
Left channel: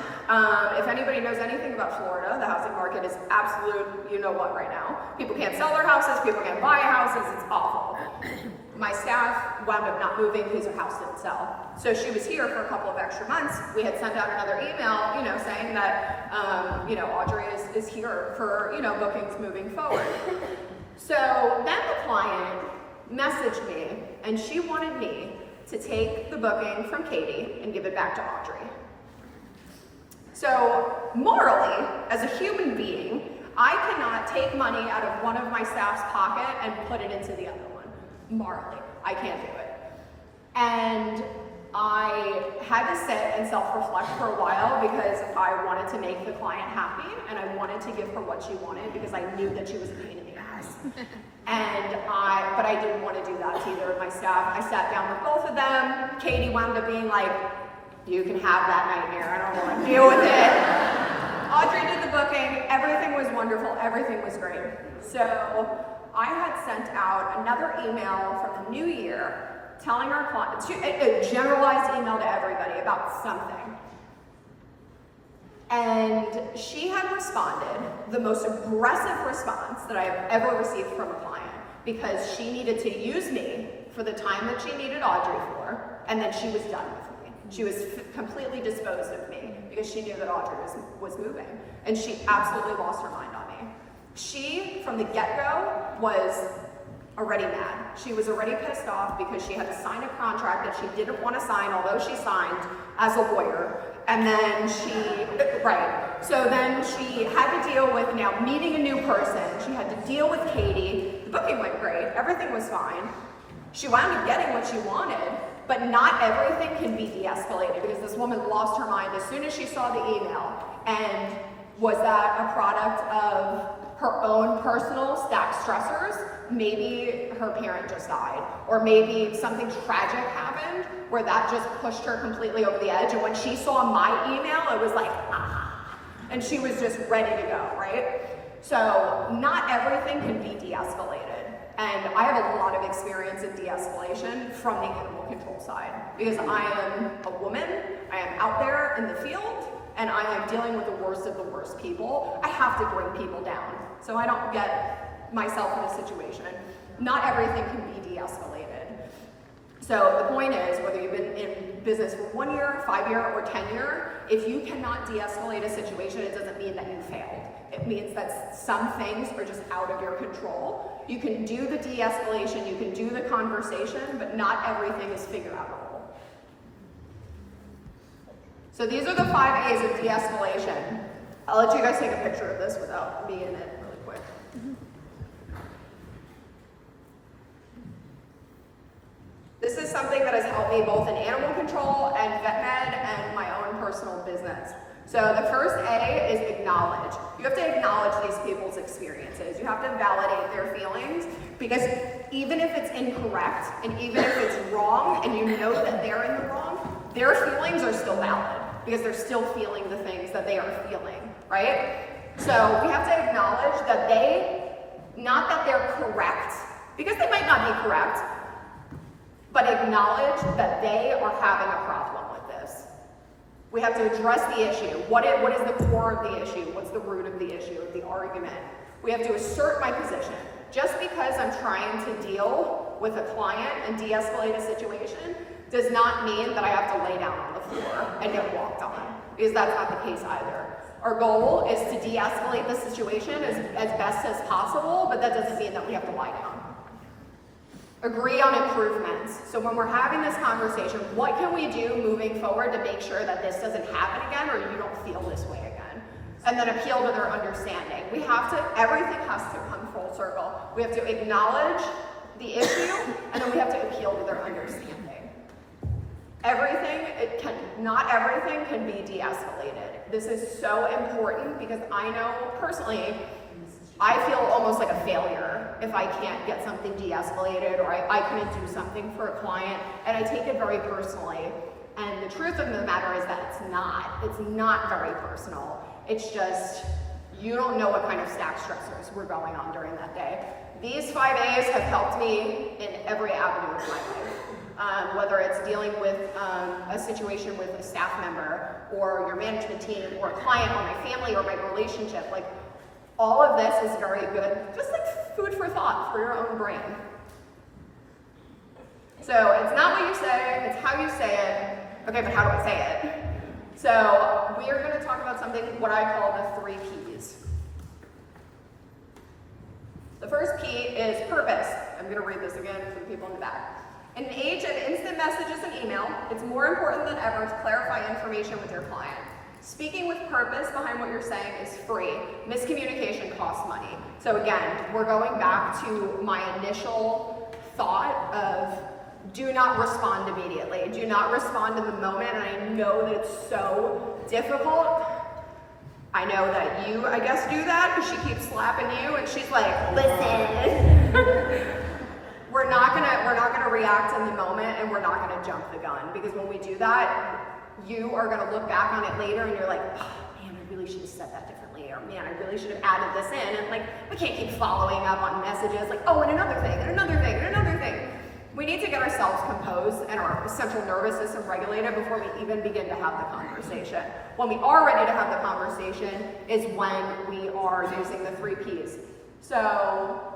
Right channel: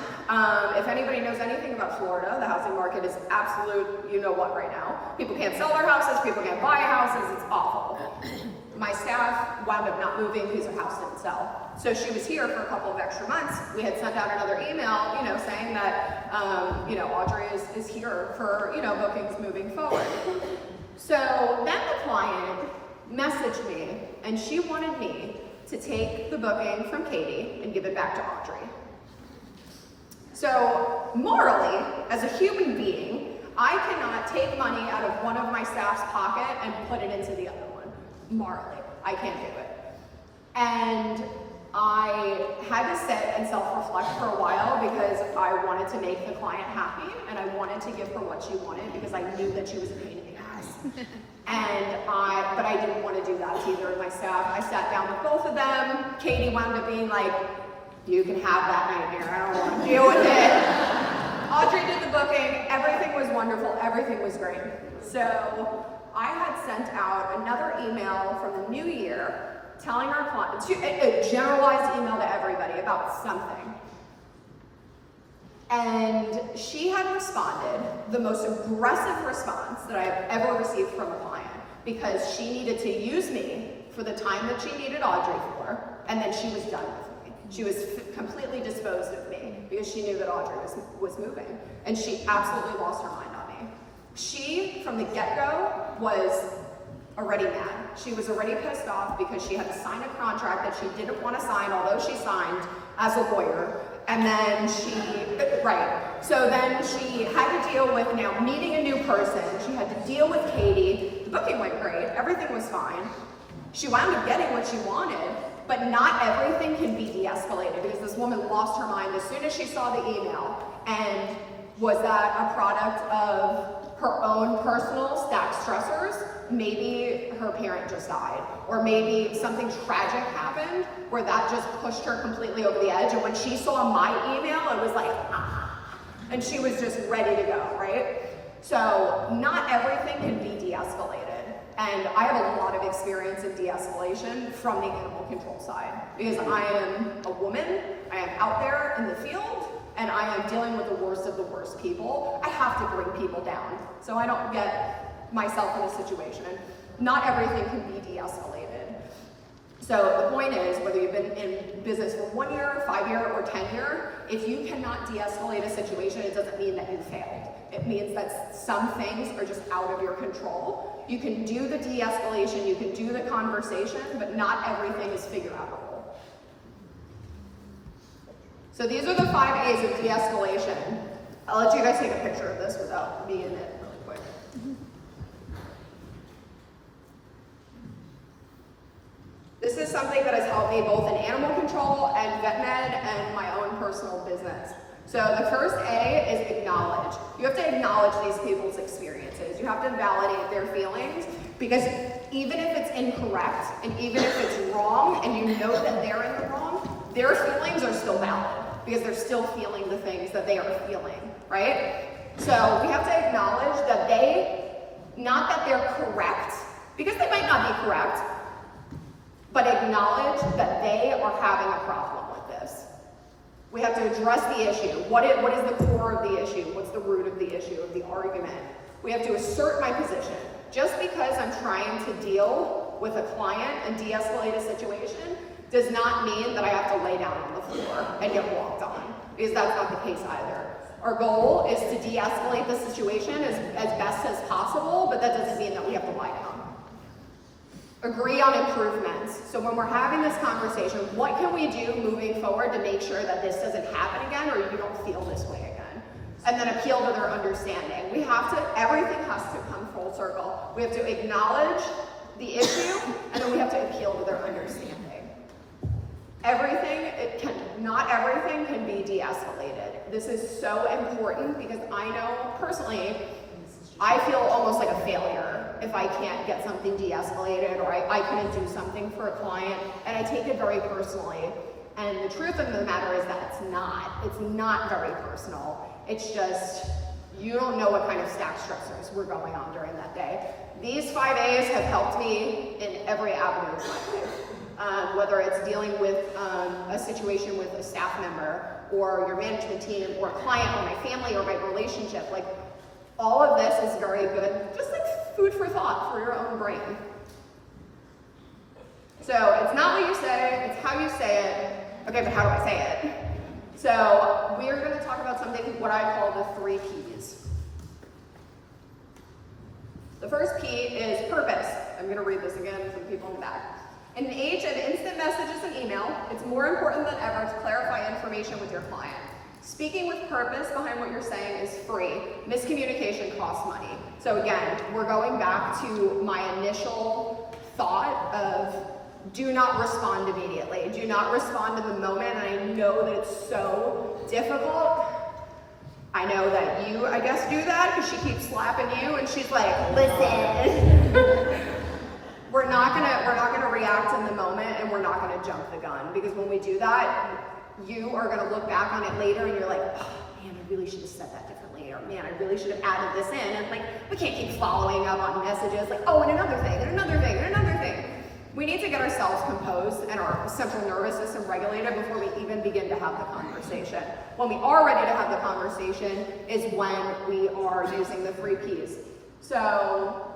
if anybody knows anything about Florida, the housing market is absolute, you know what right now. People can't sell their houses, people can't buy houses, it's awful. My staff wound up not moving because her house didn't sell. So she was here for a couple of extra months. We had sent out another email, saying that, Audrey is here for, bookings moving forward. So then the client messaged me, and she wanted me to take the booking from Katie and give it back to Audrey. So morally, as a human being, I cannot take money out of one of my staff's pocket and put it into the other one. Morally, I can't do it. And I had to sit and self-reflect for a while because I wanted to make the client happy and I wanted to give her what she wanted because I knew that she was a pain in the ass. But I didn't want to do that to either of my staff. I sat down with both of them. Katie wound up being like, you can have that nightmare, I don't want to deal with it. Audrey did the booking, everything was wonderful, everything was great. So I had sent out another email for the new year telling our clients, a generalized email to everybody about something. And she had responded, the most aggressive response that I've ever received from a client, because she needed to use me for the time that she needed Audrey for, and then she was done with me. She was completely disposed of me because she knew that Audrey was moving, and she absolutely lost her mind on me. She, from the get-go, was already mad. She was already pissed off because she had to sign a contract that she didn't want to sign, although she signed as a lawyer. And then so then she had to deal with now meeting a new person. She had to deal with Katie. The booking went great. Everything was fine. She wound up getting what she wanted, but not everything can be de-escalated because this woman lost her mind as soon as she saw the email. And was that a product of her own personal stacked stressors. Maybe her parent just died, or maybe something tragic happened where that just pushed her completely over the edge. And when she saw my email, it was like, ah, and she was just ready to go, right? So not everything can be de-escalated. And I have a lot of experience in de-escalation from the animal control side, because I am a woman, I am out there in the field, and I am dealing with the worst of the worst people. I have to bring people down, so I don't get myself in a situation. Not everything can be de-escalated. So the point is, whether you've been in business for 1 year, 5 year, or 10 year, if you cannot de-escalate a situation, it doesn't mean that you failed. It means that some things are just out of your control. You can do the de-escalation, you can do the conversation, but not everything is figure-outable. So these are the 5 A's of de-escalation. I'll let you guys take a picture of this without being in it really quick. This is something that has helped me both in animal control and vet med and my own personal business. So the first A is acknowledge. You have to acknowledge these people's experiences. You have to validate their feelings, because even if it's incorrect and even if it's wrong and you know that they're in the wrong, their feelings are still valid because they're still feeling the things that they are feeling, right? So we have to acknowledge that not that they're correct, because they might not be correct, but acknowledge that they are having a problem with this. We have to address the issue. What is the core of the issue? What's the root of the issue, of the argument? We have to assert my position. Just because I'm trying to deal with a client and de-escalate a situation does not mean that I have to lay down on the floor and get walked on, because that's not the case either. Our goal is to de-escalate the situation as best as possible, but that doesn't mean that we have to lie down. Agree on improvements. So when we're having this conversation, what can we do moving forward to make sure that this doesn't happen again, or you don't feel this way again? And then appeal to their understanding. Everything has to come full circle. We have to acknowledge the issue, and then we have to appeal to their understanding. Not everything can be de-escalated. This is so important, because I know personally, I feel almost like a failure if I can't get something de-escalated, or I couldn't do something for a client, and I take it very personally. And the truth of the matter is that it's not very personal. It's just, you don't know what kind of stack stressors were going on during that day. These 5 A's have helped me in every avenue of my life. Whether it's dealing with a situation with a staff member, or your management team, or a client, or my family, or my relationship, like, all of this is very good, just like food for thought for your own brain. So it's not what you say, it's how you say it. Okay, but how do I say it? So we are going to talk about something, what I call the 3 P's. The first P is purpose. I'm going to read this again for the people in the back. In the age of instant messages and email, it's more important than ever to clarify information with your client. Speaking with purpose behind what you're saying is free. Miscommunication costs money. So again, we're going back to my initial thought of do not respond immediately. Do not respond in the moment, and I know that it's so difficult. I know that you, I guess, do that because she keeps slapping you and she's like, listen. We're not gonna react in the moment, and we're not gonna jump the gun, because when we do that, you are gonna look back on it later and you're like, oh, man, I really should have said that differently, or man, I really should have added this in. And like, we can't keep following up on messages like, oh, and another thing, and another thing, and another thing. We need to get ourselves composed and our central nervous system regulated before we even begin to have the conversation. When we are ready to have the conversation is when we are using the 3 Ps. So,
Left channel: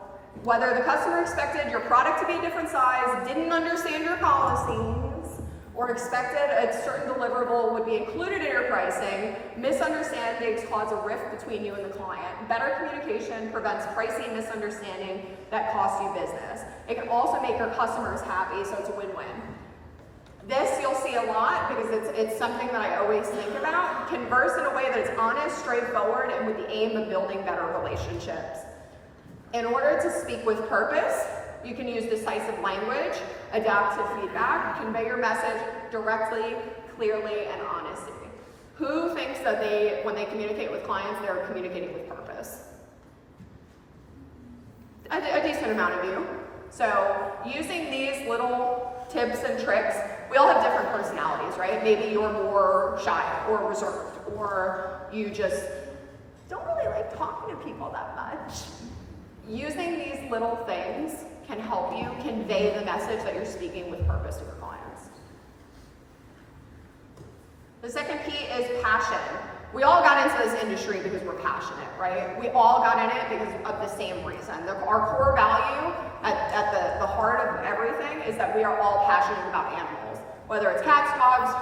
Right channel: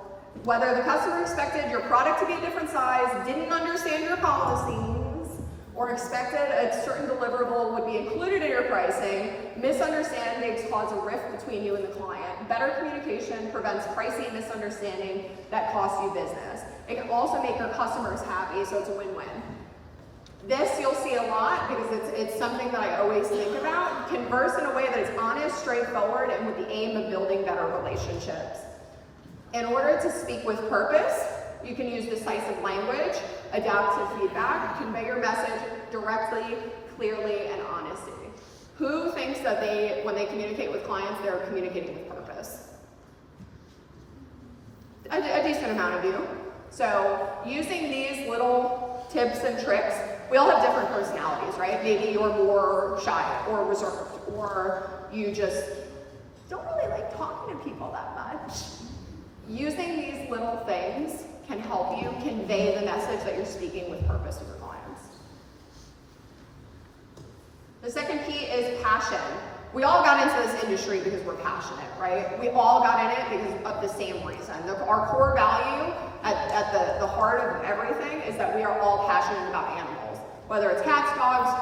whether the customer expected your product to be a different size, didn't understand your policies, or expected a certain deliverable would be included in your pricing, misunderstandings cause a rift between you and the client. Better communication prevents pricing misunderstanding that costs you business. It can also make your customers happy, so it's a win-win. This you'll see a lot because it's something that I always think about. Converse in a way that is honest, straightforward, and with the aim of building better relationships. In order to speak with purpose, you can use decisive language, adapt to feedback, convey your message directly, clearly, and honestly. Who thinks that when they communicate with clients, they're communicating with purpose? So using these little tips and tricks, we all have different personalities, right? Maybe you're more shy or reserved, or you just don't really like talking to people that much. Using these little things can help you convey the message that you're speaking with purpose to your clients. The second P is passion. We all got into this industry because we're passionate, right? We all got in it because of the same reason. Our core value at the heart of everything is that we are all passionate about animals. Whether it's cats, dogs,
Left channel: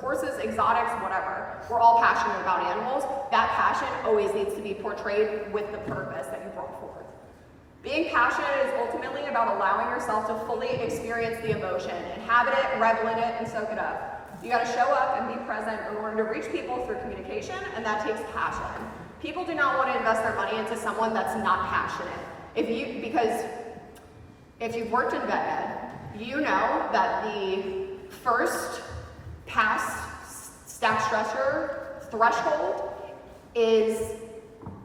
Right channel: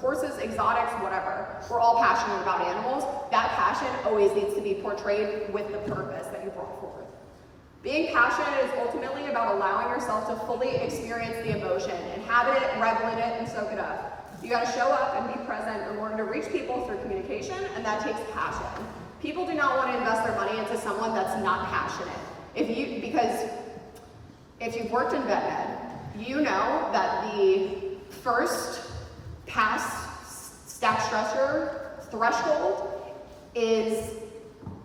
horses, exotics, whatever. We're all passionate about animals. That passion always needs to be portrayed with the purpose that you brought forth. Being passionate is ultimately about allowing yourself to fully experience the emotion, inhabit it, revel in it, and soak it up. You gotta show up and be present in order to reach people through communication, and that takes passion. People do not want to invest their money into someone that's not passionate. Because if you've worked in vet ed, you know that the first past staff stressor threshold is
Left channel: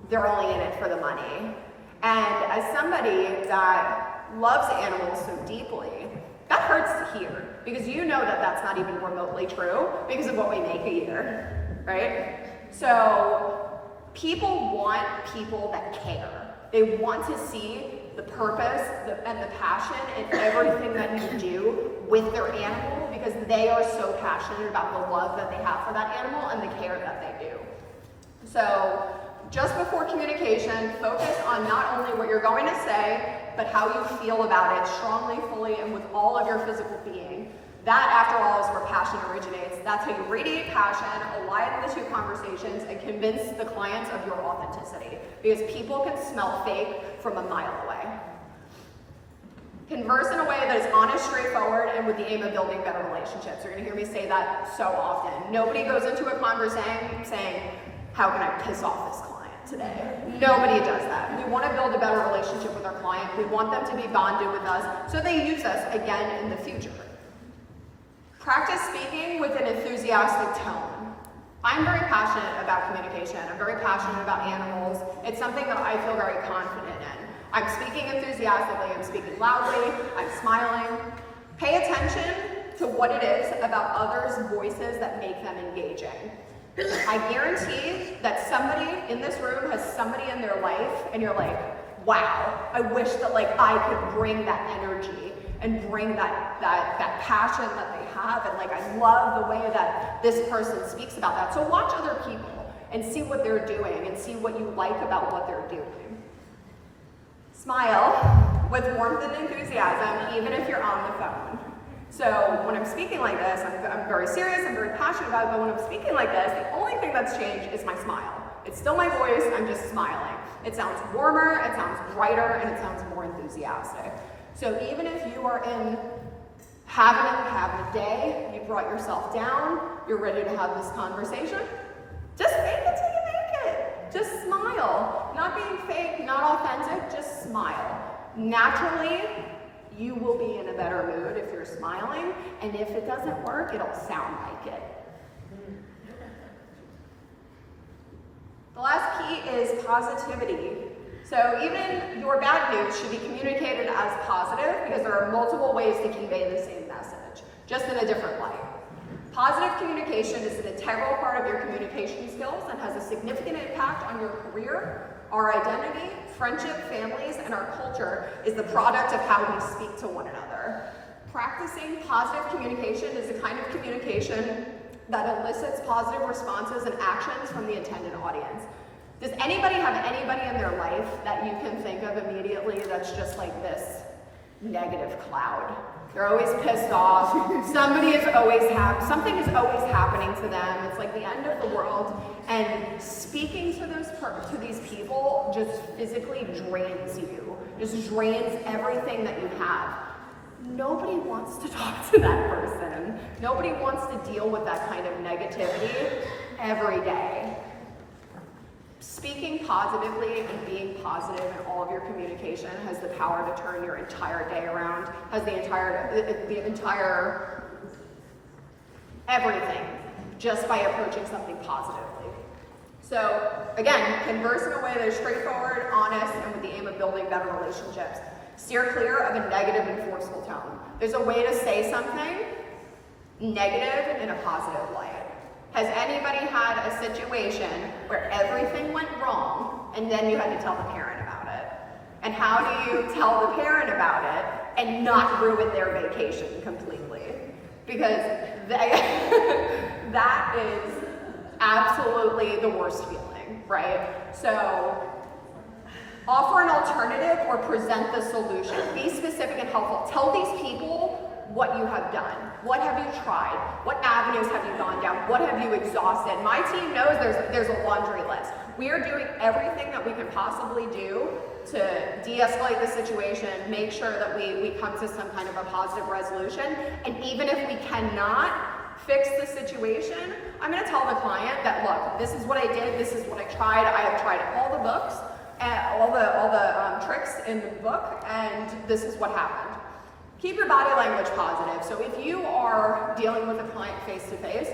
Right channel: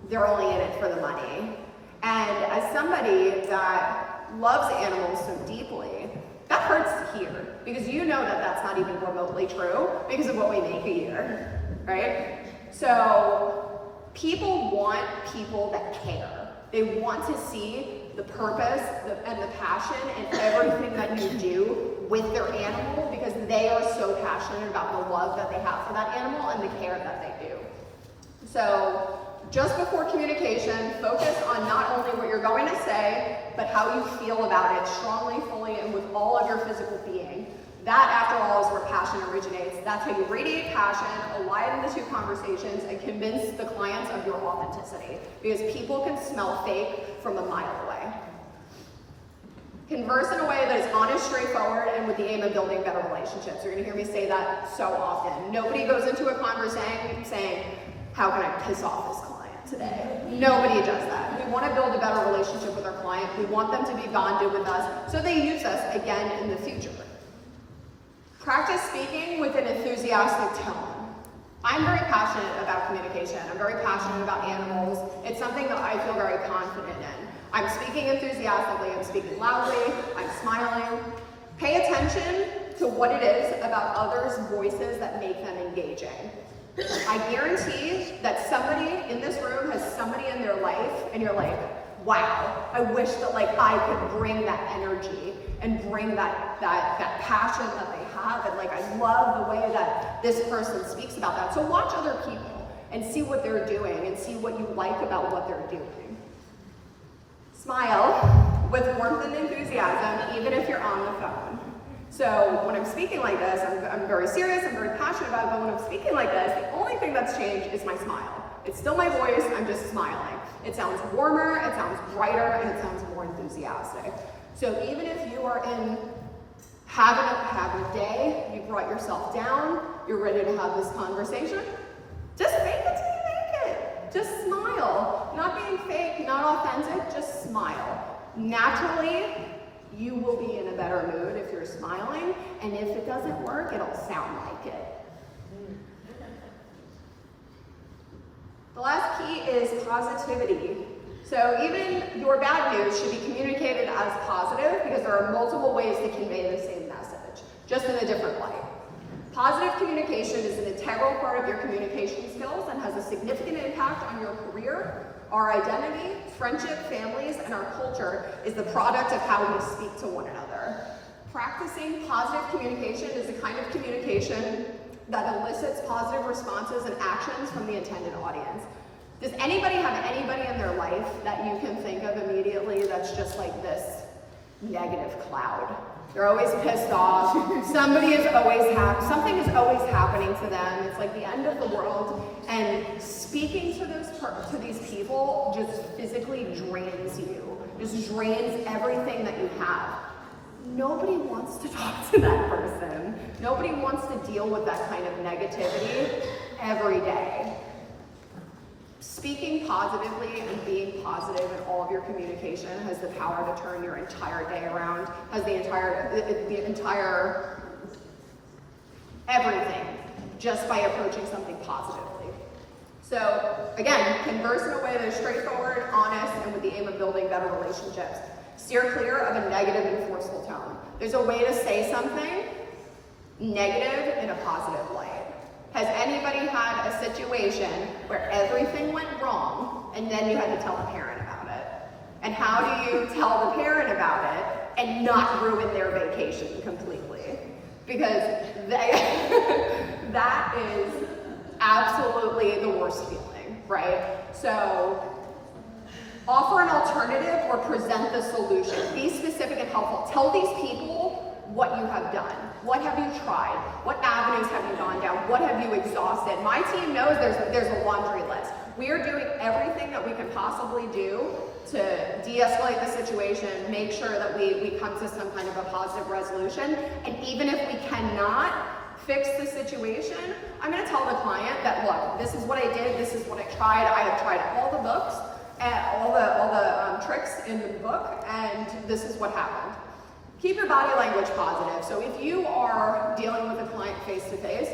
they're only in it for the money. And as somebody that loves animals so deeply, that hurts to hear, because you know that that's not even remotely true because of what we make a year, right? So people want people that care. They want to see the purpose and the passion in everything that you do with their animal, because they are so passionate about the love that they have for that animal and the care that they do. So just before communication, focus on not only what you're going to say, but how you feel about it strongly, fully, and with all of your physical being. That, after all, is where passion originates. That's how you radiate passion, align the two conversations, and convince the clients of your authenticity. Because people can smell fake from a mile away. Converse in a way that is honest, straightforward, and with the aim of building better relationships. You're going to hear me say that so often. Nobody goes into a conversation saying, how can I piss off this client today? Nobody does that. We want to build a better relationship with our client. We want them to be bonded with us so they use us again in the future. Practice speaking with an enthusiastic tone. I'm very passionate about communication. I'm very passionate about animals. It's something that I feel very confident in. I'm speaking enthusiastically, I'm speaking loudly, I'm smiling. Pay attention to what it is about others' voices that make them engaging. I guarantee that somebody in this room has somebody in their life and you're like, wow, I wish that I could bring that energy and bring that passion that they have, and I love the way that this person speaks about that. So watch other people and see what they're doing and see what you like about what they're doing. Smile with warmth and enthusiasm, even if you're on the phone. So when I'm speaking like this, I'm very serious, I'm very passionate about it, but when I'm speaking like this, the only thing that's changed is my smile. It's still my voice, I'm just smiling. It sounds warmer, it sounds brighter, and it sounds more enthusiastic. So even if you are having a day, you brought yourself down, you're ready to have this conversation, just fake it till you make it. Just smile. Not being fake, not authentic, just smile. Naturally, you will be in a better mood if you're smiling, and if it doesn't work, it'll sound like it. The last key is positivity. So even your bad news should be communicated as positive, because there are multiple ways to convey the same message, just in a different light. Positive communication is an integral part of your communication skills and has a significant impact on your career. Our identity, friendship, families, and our culture is the product of how we speak to one another. Practicing positive communication is the kind of communication that elicits positive responses and actions from the intended audience. Does anybody have anybody in their life that you can think of immediately that's just like this negative cloud? They're always pissed off. Something is always happening to them. It's like the end of the world. And speaking to these people just physically drains you. Just drains everything that you have. Nobody wants to talk to that person. Nobody wants to deal with that kind of negativity every day. Speaking positively and being positive in all of your communication has the power to turn your entire day around, has the entire everything, just by approaching something positively. So again, converse in a way that is straightforward, honest, and with the aim of building better relationships. Steer clear of a negative and forceful tone. There's a way to say something negative in a positive light. Has anybody had a situation where everything went wrong and then you had to tell the parent about it? And how do you tell the parent about it and not ruin their vacation completely? Because that is absolutely the worst feeling, right? So offer an alternative or present the solution. Be specific and helpful. Tell these people what you have done. What have you tried? What avenues have you gone down? What have you exhausted? My team knows there's a laundry list. We are doing everything that we can possibly do to de-escalate the situation, make sure that we come to some kind of a positive resolution. And even if we cannot fix the situation, I'm going to tell the client that, look, this is what I did, this is what I tried. I have tried all the books, and all the tricks in the book, and this is what happened. Keep your body language positive. So if you are dealing with a client face to face,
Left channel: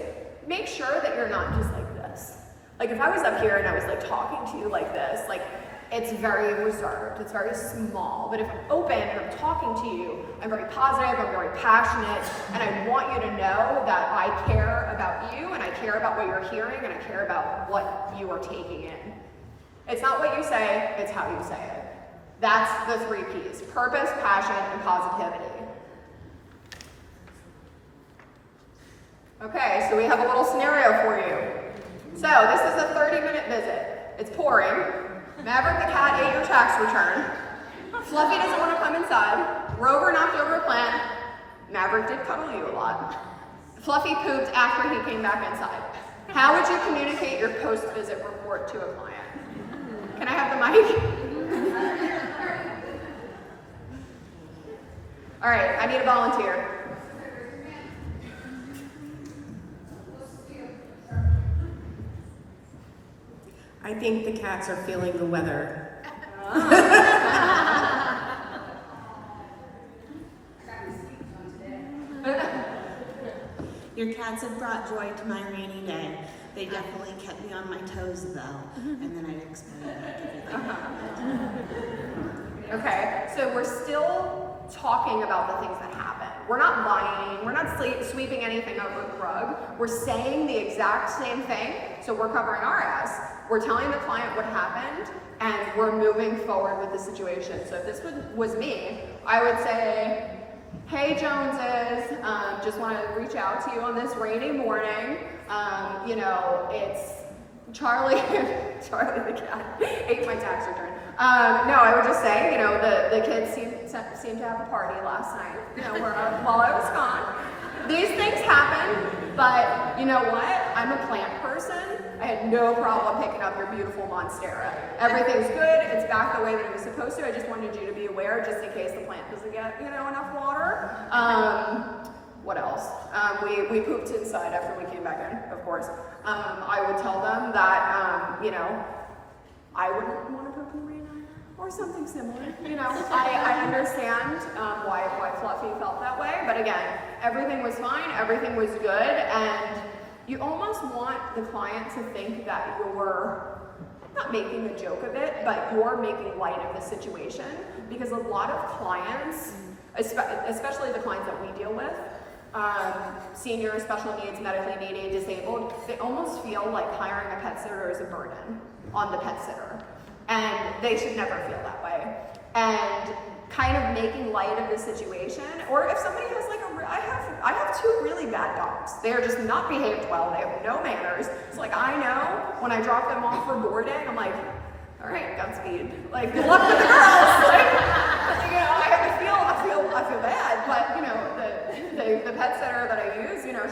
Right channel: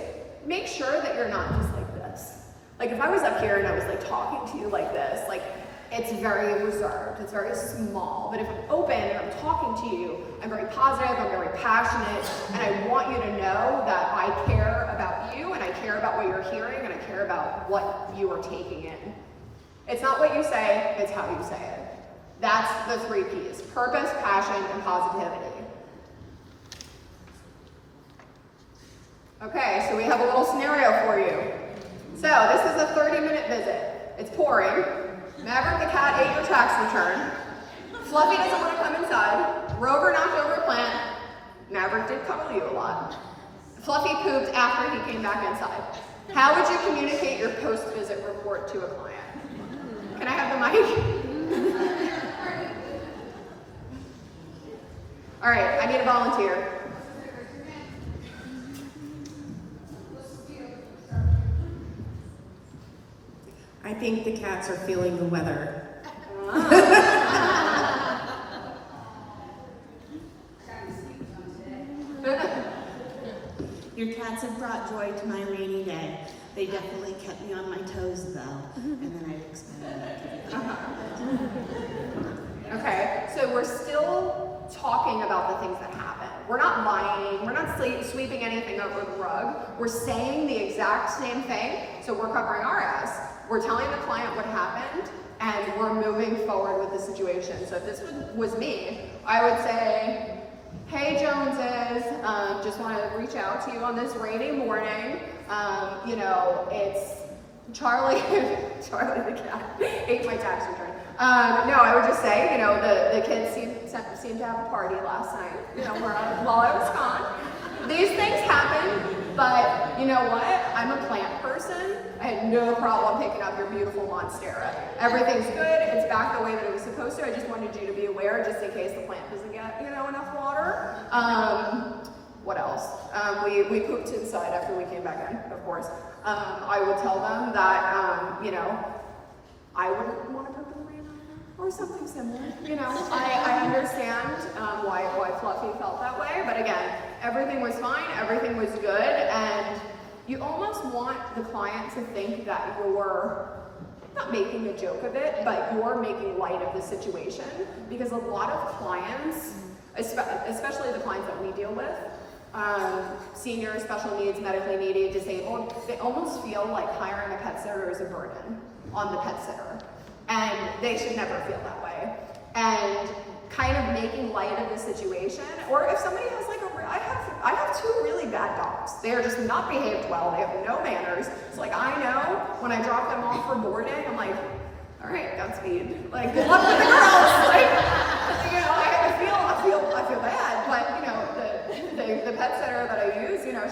make sure that you're not just like this. Like if I was up here and I was like talking to you like this, like it's very reserved, it's very small. But if I'm open and I'm talking to you, I'm very positive, I'm very passionate, and I want you to know that I care about you, and I care about what you're hearing, and I care about what you are taking in. It's not what you say, it's how you say it. That's the 3 P's: purpose, passion, and positivity. Okay, so we have a little scenario for you. So this is a 30-minute visit. It's pouring. Maverick the cat ate your tax return. Fluffy doesn't want to come inside. Rover knocked over a plant. Maverick did cuddle you a lot. Fluffy pooped after he came back inside. How would you communicate your post-visit report to a client? Can I have the mic? All right, I need a volunteer. I think the cats are feeling the weather. Your cats have brought joy to my rainy day. They definitely kept me on my toes though, and then I explained it. Okay, so we're still talking about the things that happen. We're not lying, we're not sweeping anything under the rug. We're saying the exact same thing, so we're covering our ass. We're telling the client what happened, and we're moving forward with the situation. So if this was me, I would say, hey Joneses, just want to reach out to you on this rainy morning. You know, it's Charlie, Charlie the cat ate my tax return. No, I would just say, you know, the kids seemed to have a party last night, you know, while I was gone. These things happen, but you know what? I'm a plant person. I had no problem picking up your beautiful monstera. Everything's good, it's back the way that it was supposed to. I just wanted you to be aware just in case the plant doesn't get, you know, enough water. What else? We pooped inside after we came back in, of course. I would tell them that, you know, I wouldn't want to poop in rain or something similar. You know, I understand why Fluffy felt that way, but again, everything was fine, everything was good, and you almost want the client to think that you're not making a joke of it, but you're making light of the situation, because a lot of clients, especially the clients that we deal with, senior, special needs, medically needy, disabled, they almost feel like hiring a pet sitter is a burden on the pet sitter. And they should never feel that way. And kind of making light of the situation, or if somebody has like I have 2 really bad dogs. They're just not behaved well, they have no manners. It's like I know when I drop them off for boarding, I'm like, all right, Godspeed. Like, good luck with the girls. Like, you know, I feel bad, but you know, the pet sitter that I use, you know,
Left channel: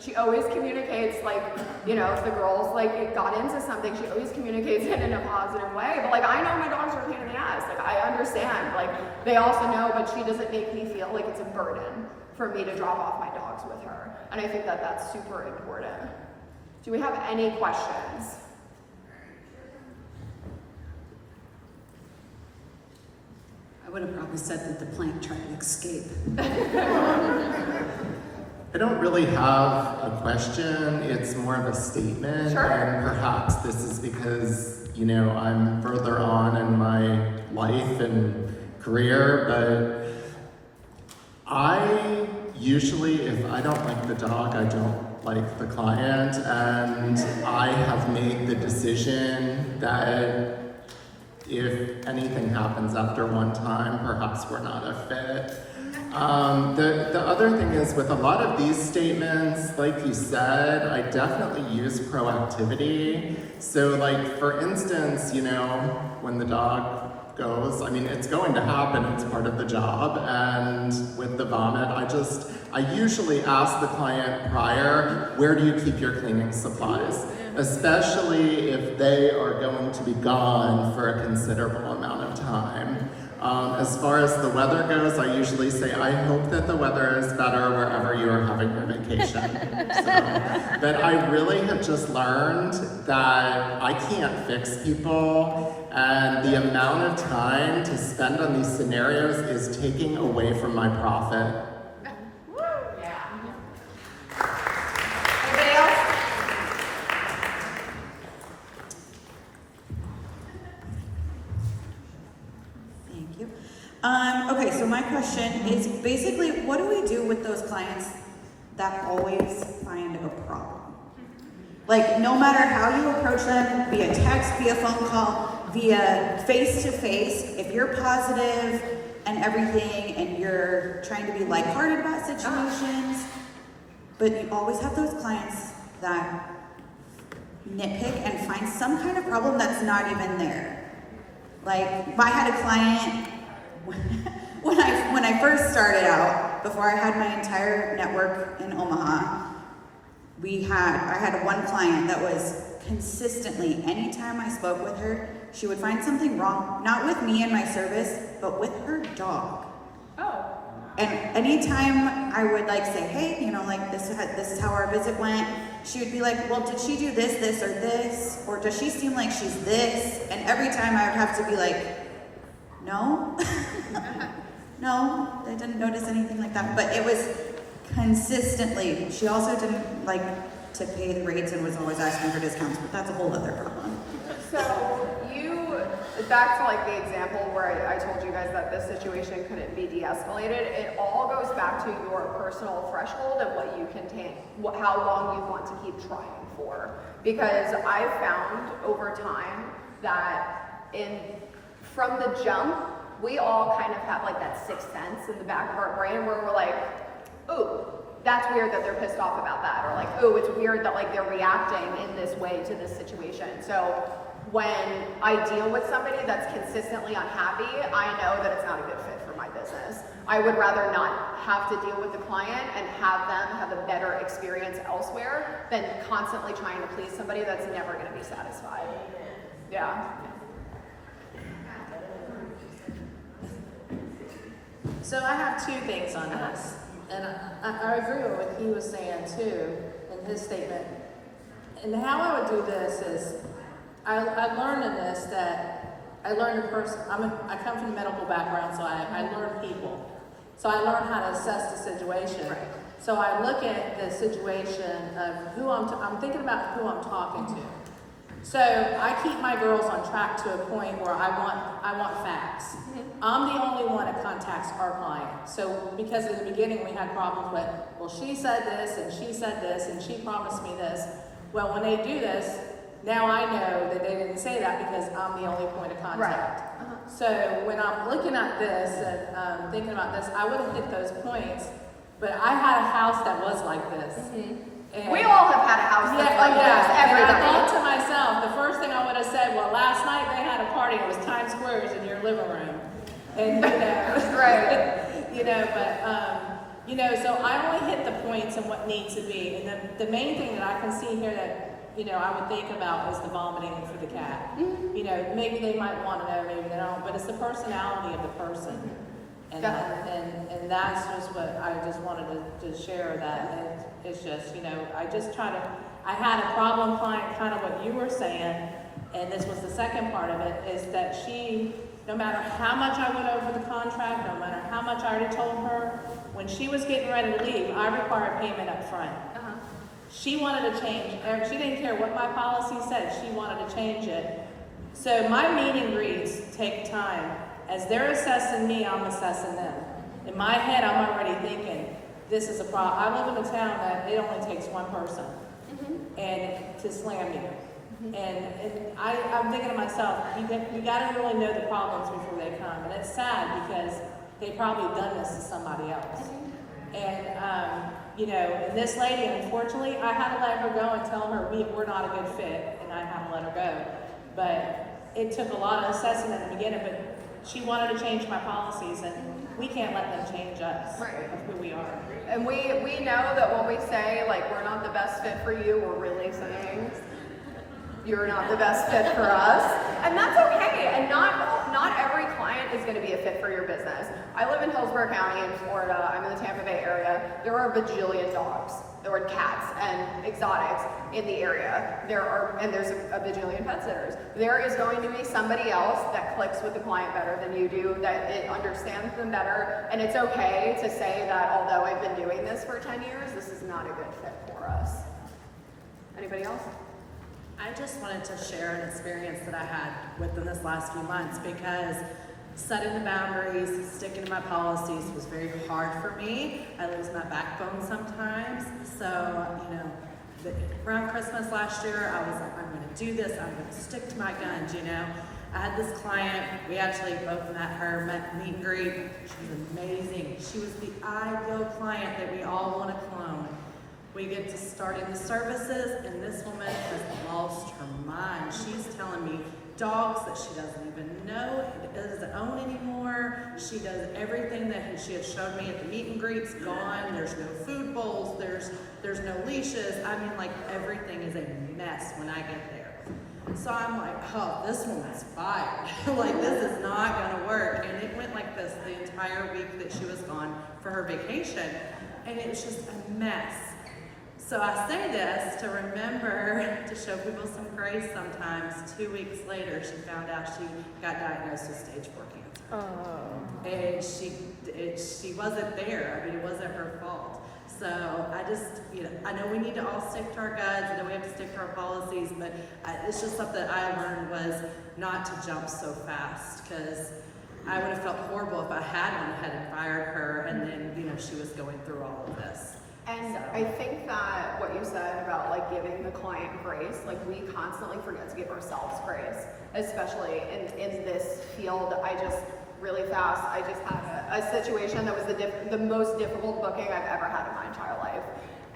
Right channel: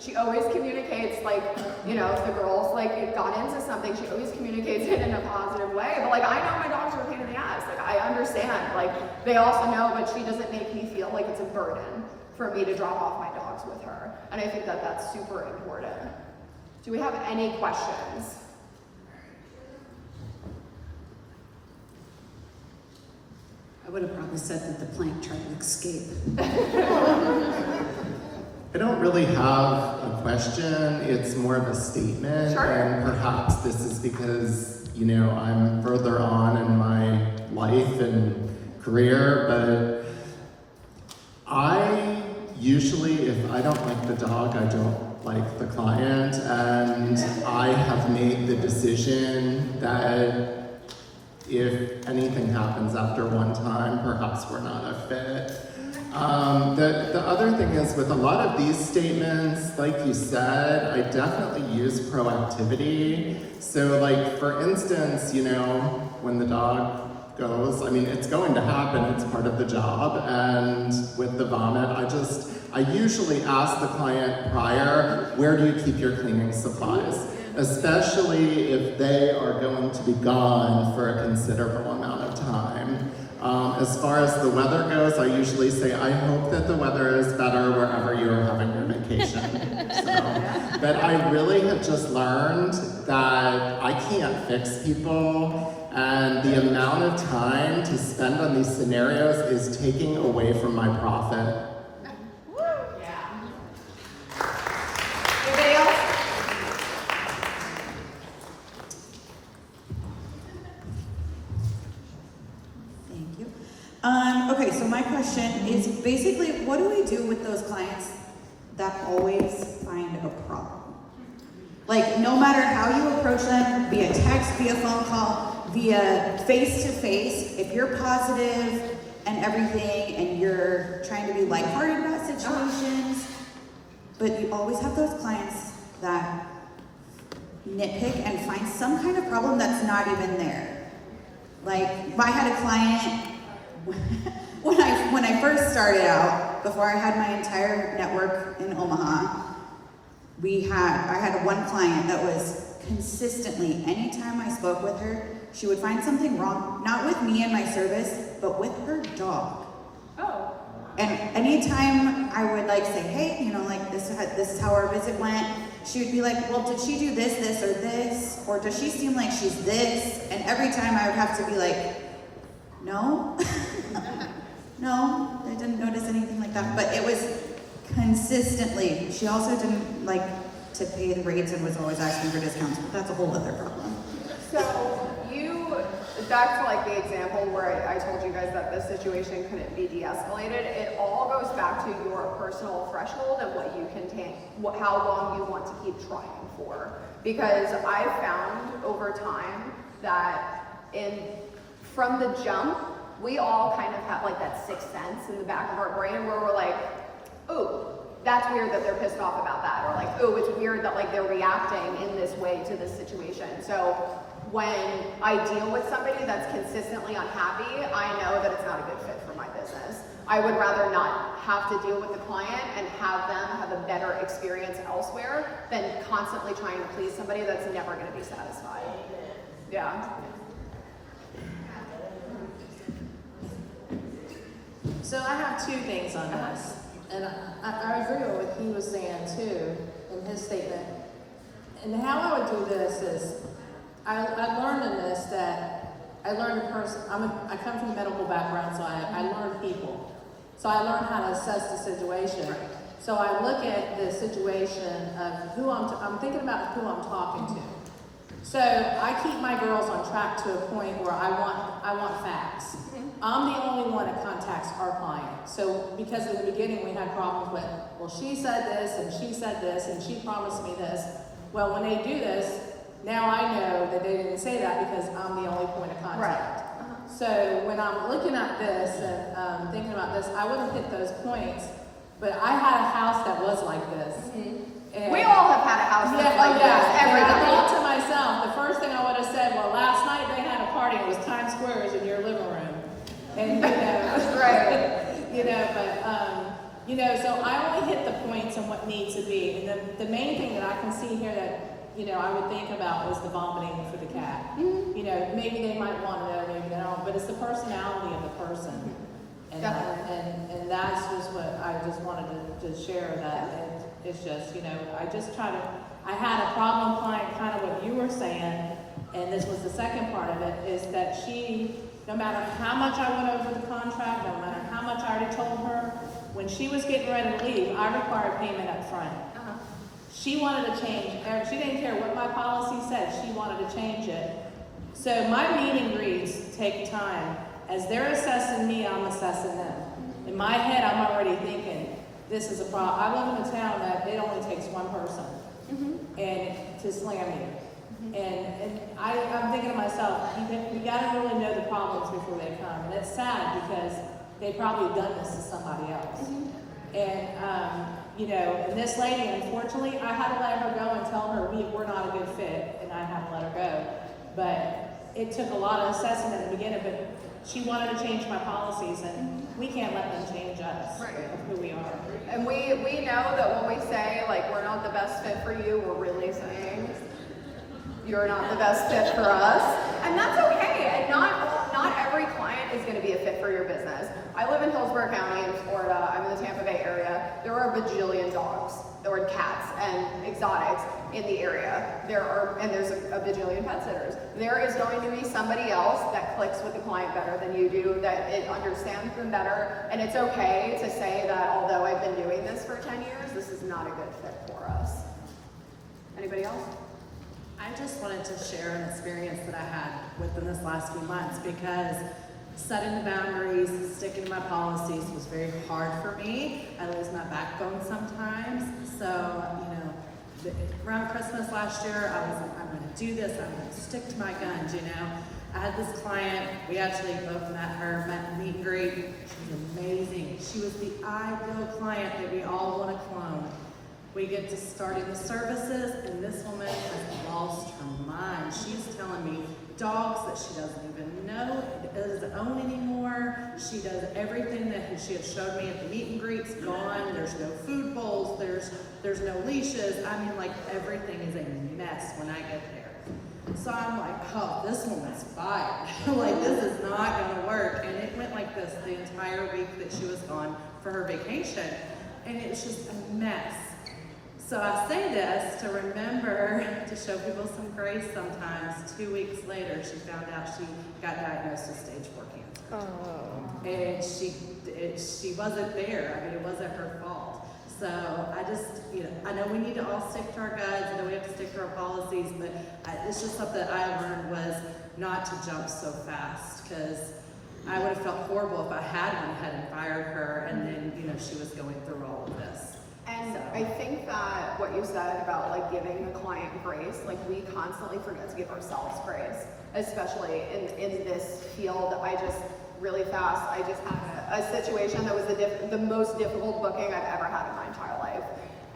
she always communicates, like, you know, if the girls like got into something, she always communicates it in a positive way. But like, I know my dogs are a pain in the ass. Like, I understand. Like, they also know, but she doesn't make me feel like it's a burden for me to drop off my dogs with her. And I think that that's super important. Do we have any questions? I would have probably said that the plant tried to escape. I don't really have a question, it's more of a statement, Sure. And perhaps this is because, you know, I'm further on in my life and career, but I usually, if I don't like the dog, I don't like the client, and I have made the decision that if anything happens after one time, perhaps we're not a fit. The other thing is, with a lot of these statements, like you said, I definitely use proactivity. So like, for instance, you know, when the dog goes, I mean, it's going to happen, it's part of the job, and with the vomit, I usually ask the client prior, where do you keep your cleaning supplies? Especially if they are going to be gone for a considerable amount of time. As far as the weather goes, I usually say, I hope that the weather is better wherever you are having your vacation. But I really have just learned that I can't fix people, and the amount of time to spend on these scenarios is taking away from my profit. Yeah. Anybody else? Thank you. Okay, so my question is basically, what do we do with those clients that always find a problem? Like, no matter how you approach them, via text, via phone call, via face-to-face, if you're positive and everything, and you're trying to be lighthearted about situations, but you always have those clients that nitpick and find some kind of problem that's not even there. Like, I had a client, when I first started out, before I had my entire network in Omaha, I had one client that was consistently, anytime I spoke with her, she would find something wrong, not with me and my service, but with her dog. Oh. And anytime I would like say, hey, you know, like this is how our visit went, she would be like, well, did she do this, this, or this? Or does she seem like she's this? And every time I would have to be like, no, no, I didn't notice anything like that. But it was consistently. She also didn't like to pay the rates and was always asking for discounts, but that's a whole other problem. So back to like the example where I told you guys that this situation couldn't be de-escalated, it all goes back to your personal threshold and what you can take, how long you want to keep trying for. Because I found over time that from the jump, we all kind of have like that sixth sense in the back of our brain where we're like, ooh, that's weird that they're pissed off about that, or like, ooh, it's weird that like they're reacting in this way to this situation. So when I deal with somebody that's consistently unhappy, I know that it's not a good fit for my business. I would rather not have to deal with the client and have them have a better experience elsewhere than constantly trying to please somebody that's never going to be satisfied. Yeah. So I have two things on this, and I agree with what he was saying too in his statement. And how I would do this is, I learned in this that I learned I come from a medical background, so I learn people. So I learned how to assess the situation. So I look at the situation of who I'm thinking about who I'm talking to. So I keep my girls on track to a point where I want facts. I'm the only one that contacts our client. So because in the beginning we had problems with, well, she said this and she said this and she promised me this. Well, when they do this, now I know that they didn't say that because I'm the only point of contact. Right. So when I'm looking at this and thinking about this, I wouldn't hit those points, but I had a house that was like this. And We all have had a house that's like this. And I thought to myself, the first thing I would have said, well, last night they had a party, it was Times Square, was in your living room. And Right. So I only hit the points on what needs to be. And the main thing that I can see here that, I would think about was the vomiting for the cat. Maybe they might want to know, maybe they don't, but it's the personality of the person. And that's just what I just wanted to share that. And it's just, I had a problem client, kind of what you were saying, and this was the second part of it, is that she, no matter how much I went over the contract, no matter how much I already told her, when she was getting ready to leave, I required payment up front. She wanted to change, she didn't care what my policy said, she wanted to change it. So my meet and greets take time, As they're assessing me, I'm assessing them. In my head, I'm already thinking, this is a problem. I live in a town that it only takes one person and to slam me. And I'm thinking to myself, you gotta really know the problems before they come. And it's sad because they probably done this to somebody else. And, you know, and this lady, unfortunately, I had to let her go and tell her we're not a good fit, and I had to let her go. But it took a lot of assessing in the beginning, but she wanted to change my policies, and we can't let them change us, who we are. And we know that when we say, like, we're not the best fit for you, we're really saying, you're not the best fit for us. And that's okay. And not every client is going to be a fit for your business. I live in Hillsborough County in Florida. I'm in the Tampa Bay area. There are a bajillion dogs. There are cats and exotics in the area. There's a bajillion pet sitters. There is going to be somebody else that clicks with the client better than you do, that it understands them better. And it's okay to say that although I've been doing this for 10 years, this is not a good fit for us. Anybody else? I just wanted to share an experience that I had within this last few months, because setting the boundaries, sticking to my policies was very hard for me. I lose my backbone sometimes. So, you know, around Christmas last year, I was like, I'm gonna do this, I'm gonna stick to my guns, you know. I had this client, we actually both met her, meet and greet. She was amazing. She was the ideal client that we all want to clone. We get to starting the services, and this woman has lost her mind. She's telling me dogs that she doesn't even know, doesn't own anymore. She does everything that she had showed me at the meet and greets, gone. There's no food bowls, there's no leashes. I mean, like, everything is a mess when I get there. So I'm like, oh, this woman's fired. Like, this is not gonna work. And it went like this the entire week that she was gone for her vacation. And it was just a mess. So I say this to remember to show people some grace sometimes. 2 weeks later, she found out she got diagnosed with stage 4 cancer. Oh. And she wasn't there. I mean, it wasn't her fault. So I just, you know, I know we need to all stick to our guns. I know we have to stick to our policies, but it's just something I learned was not to jump so fast, because I would have felt horrible if I had gone ahead and fired her, and then, you know, she was going through all of this. And I think that what you said about, like, giving the client grace, like, we constantly forget to give ourselves grace, especially in this field. I just had a situation that was the most difficult booking I've ever had in my entire life.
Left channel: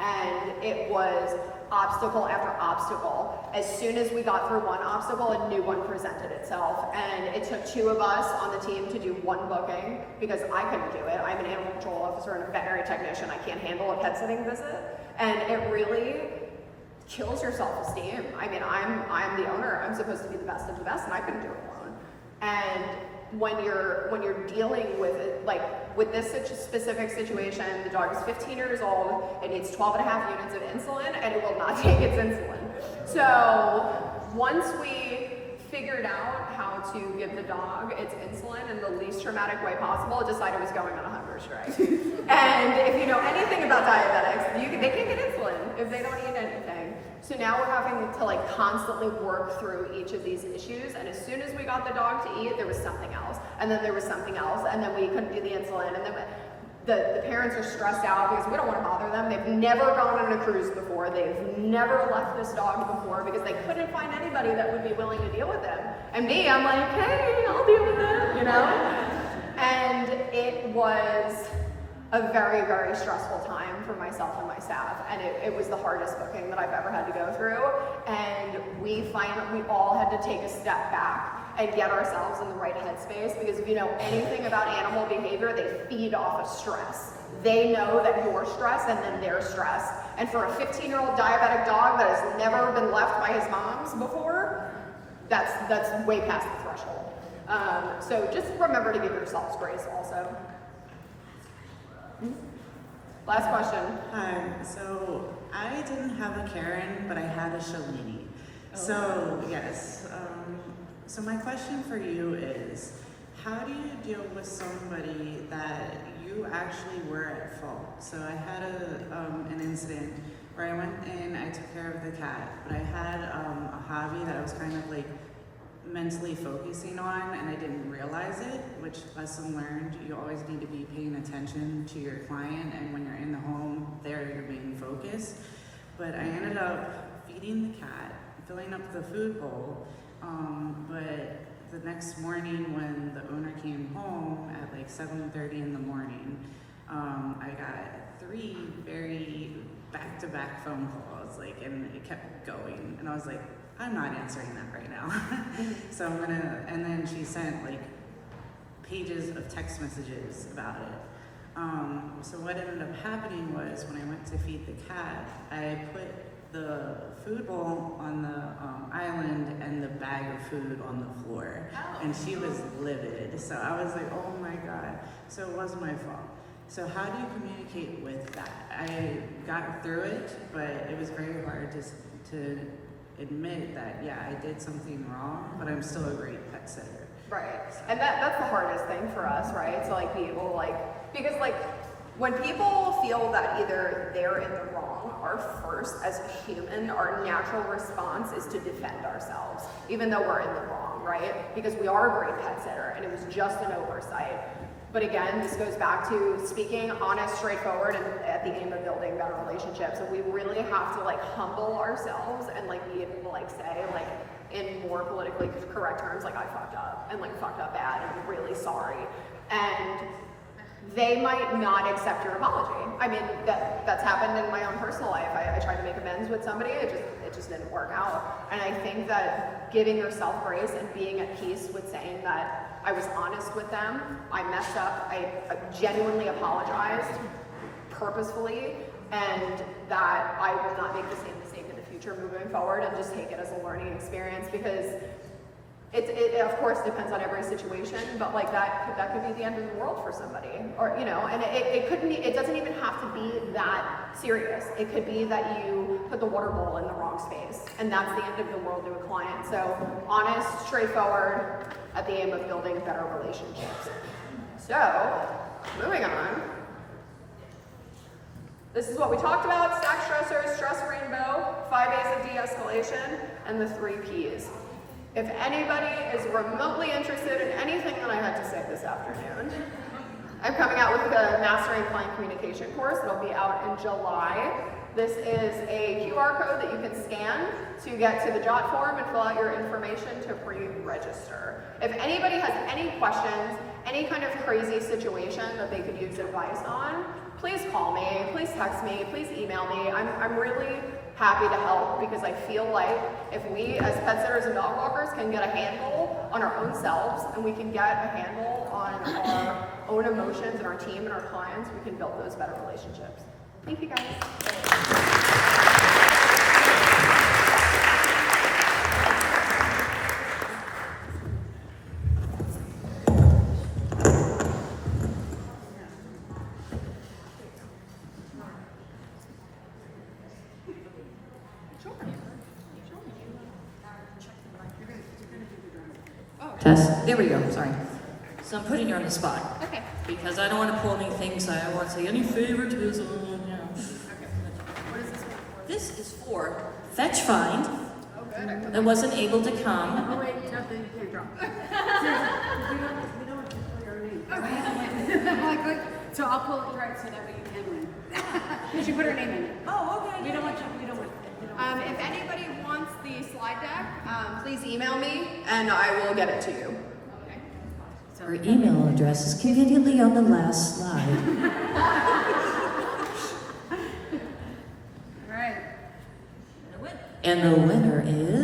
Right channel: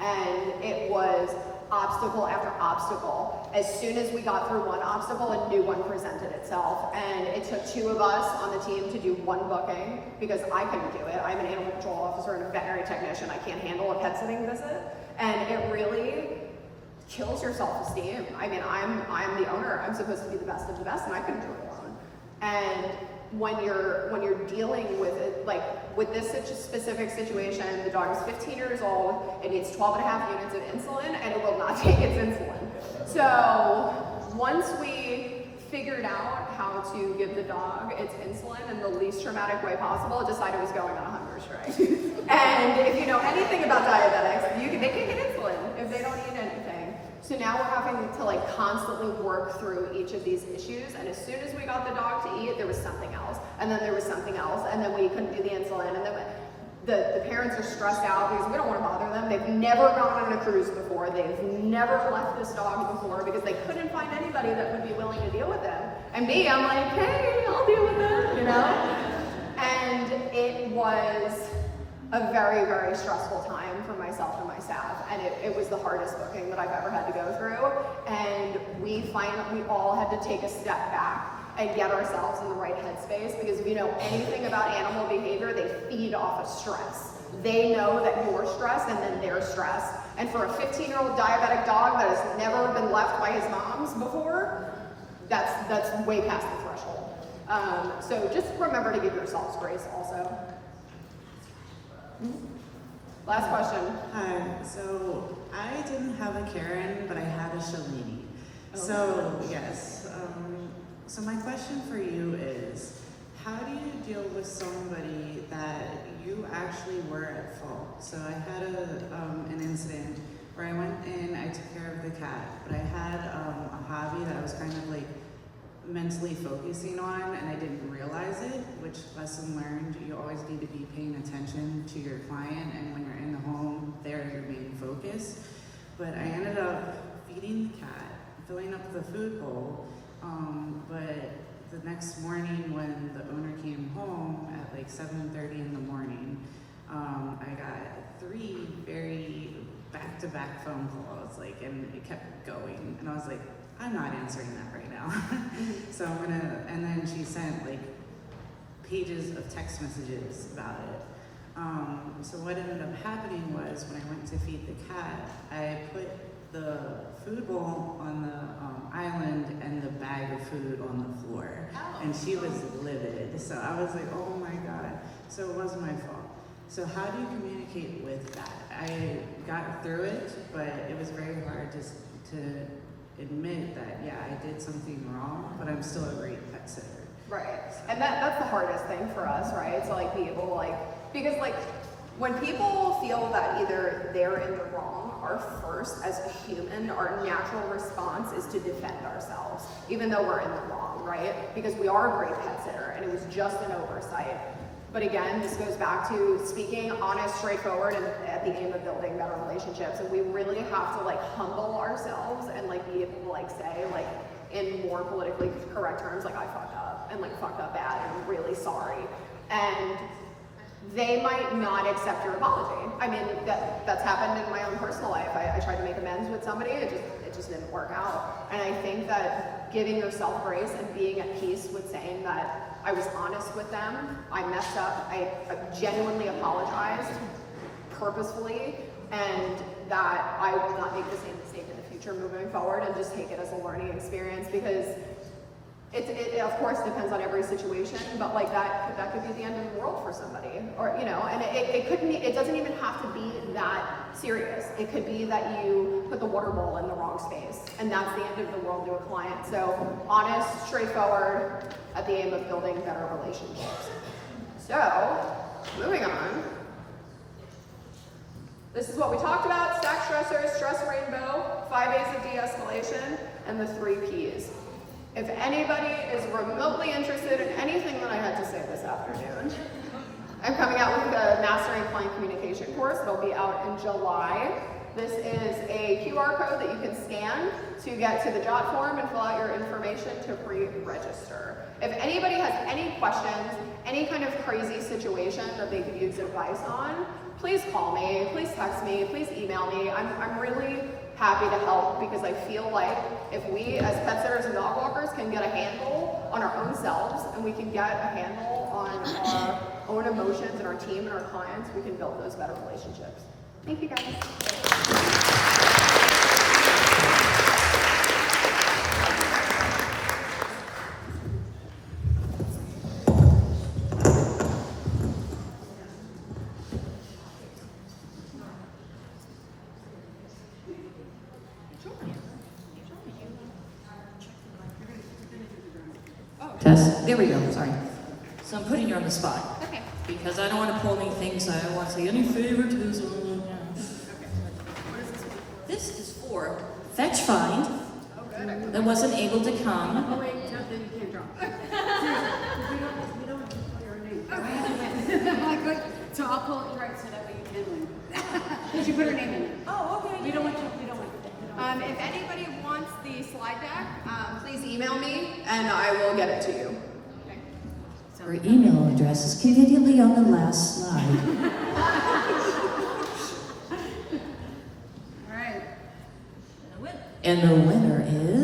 And it was obstacle after obstacle. As soon as we got through one obstacle, a new one presented itself. And it took 2 of us on the team to do one booking, because I couldn't do it. I'm an animal control officer and a veterinary technician. I can't handle a pet sitting visit. And it really kills your self-esteem. I mean, I'm the owner. I'm supposed to be the best of the best, and I couldn't do it alone. And when you're dealing with it, like with this specific situation, the dog is 15 years old, it needs 12.5 units of insulin, and it will not take its insulin. So once we figured out how to give the dog its insulin in the least traumatic way possible, it decided it was going on a hunger strike. And if you know anything about diabetics, they can't get insulin if they don't eat anything. So now we're having to, like, constantly work through each of these issues, and as soon as we got the dog to eat, there was something else, and then there was something else, and then we couldn't do the insulin, and then the parents are stressed out because we don't want to bother them. They've never gone on a cruise before. They've never left this dog before because they couldn't find anybody that would be willing to deal with them. And me, I'm like, hey, I'll deal with it, you know? And it was a very, very stressful time for myself and my staff, and it was the hardest booking that I've ever had to go through. And we all had to take a step back and get ourselves in the right headspace, because if you know anything about animal behavior, they feed off of stress. They know that you're stressed, and then they're stressed. And for a 15-year-old diabetic dog that has never been left by his mom's before, that's way past the threshold. So just remember to give yourselves grace also. Last question. Hi, so I didn't have a Karen, but I had a Shalini. So, yes. So my question for you is, how do you deal with somebody that you actually were at fault? So I had an incident where I went in, I took care of the cat, but I had a hobby that I was kind of like mentally focusing on, and I didn't realize it, which lesson learned. You always need to be paying attention to your client, and when you're in the home, they're your main focus. But I ended up feeding the cat, filling up the food bowl, but the next morning when the owner came home at like 7:30 in the morning, I got 3 very back-to-back phone calls, like, and it kept going, and I was like, I'm not answering that right now. So and then she sent like pages of text messages about it. So what ended up happening was when I went to feed the cat, I put the food bowl on the island and the bag of food on the floor, and she was livid. So I was like, oh my God. So it wasn't my fault. So how do you communicate with that? I got through it, but it was very hard to admit that, yeah, I did something wrong, but I'm still a great pet sitter. Right. And that's the hardest thing for us, right? To like be able because like when people feel that either they're in the wrong, our first, as a human, our natural response is to defend ourselves, even though we're in the wrong, right? Because we are a great pet sitter and it was just an oversight. But again, this goes back to speaking honest, straightforward, and at the aim of building better relationships. And we really have to like humble ourselves and like be able to like say like in more politically correct terms, like I fucked up and like fucked up bad and I'm really sorry. And they might not accept your apology. I mean, that's happened in my own personal life. I tried to make amends with somebody, it just didn't work out. And I think that giving yourself grace and being at peace with saying that I was honest with them, I messed up, I genuinely apologized purposefully, and that I will not make the same mistake in the future moving forward, and just take it as a learning experience, because it of course depends on every situation, but like that could be the end of the world for somebody, or you know, and it couldn't be, it doesn't even have to be that serious. It could be that you put the water bowl in the wrong space, and that's the end of the world to a client. So honest, straightforward, at the aim of building better relationships. So, moving on. This is what we talked about: stack stressors, stress rainbow, 5 A's of de-escalation, and the 3 P's. If anybody is remotely interested in anything that I had to say this afternoon, I'm coming out with the Mastering Client Communication course. It'll be out in July. This is a QR code that you can scan to get to the jot form and fill out your information to pre-register. If anybody has any questions, any kind of crazy situation that they could use advice on, please call me, please text me, please email me. I'm really happy to help, because I feel like if we as pet sitters and dog walkers can get a handle on our own selves, and we can get a handle on our own emotions and our team and our clients, we can build those better relationships. Thank you guys. Test. Here we go. Sorry. So I'm putting you on the spot. Okay. Because I don't want to pull any things. I don't want to say any favoritism. Okay. What is this one for? This is for Fetch Find. Oh, good. That wasn't able to come. Oh wait, nothing, you can't drop. Seriously, we don't pull your name. Okay. Like, so I'll pull it right so that way you can win. Did you put her name in it? Oh, okay. We don't want. If anybody wants the slide deck, please email me and I will get it to you. Okay. Her email address is conveniently on the last slide. All right. And the winner is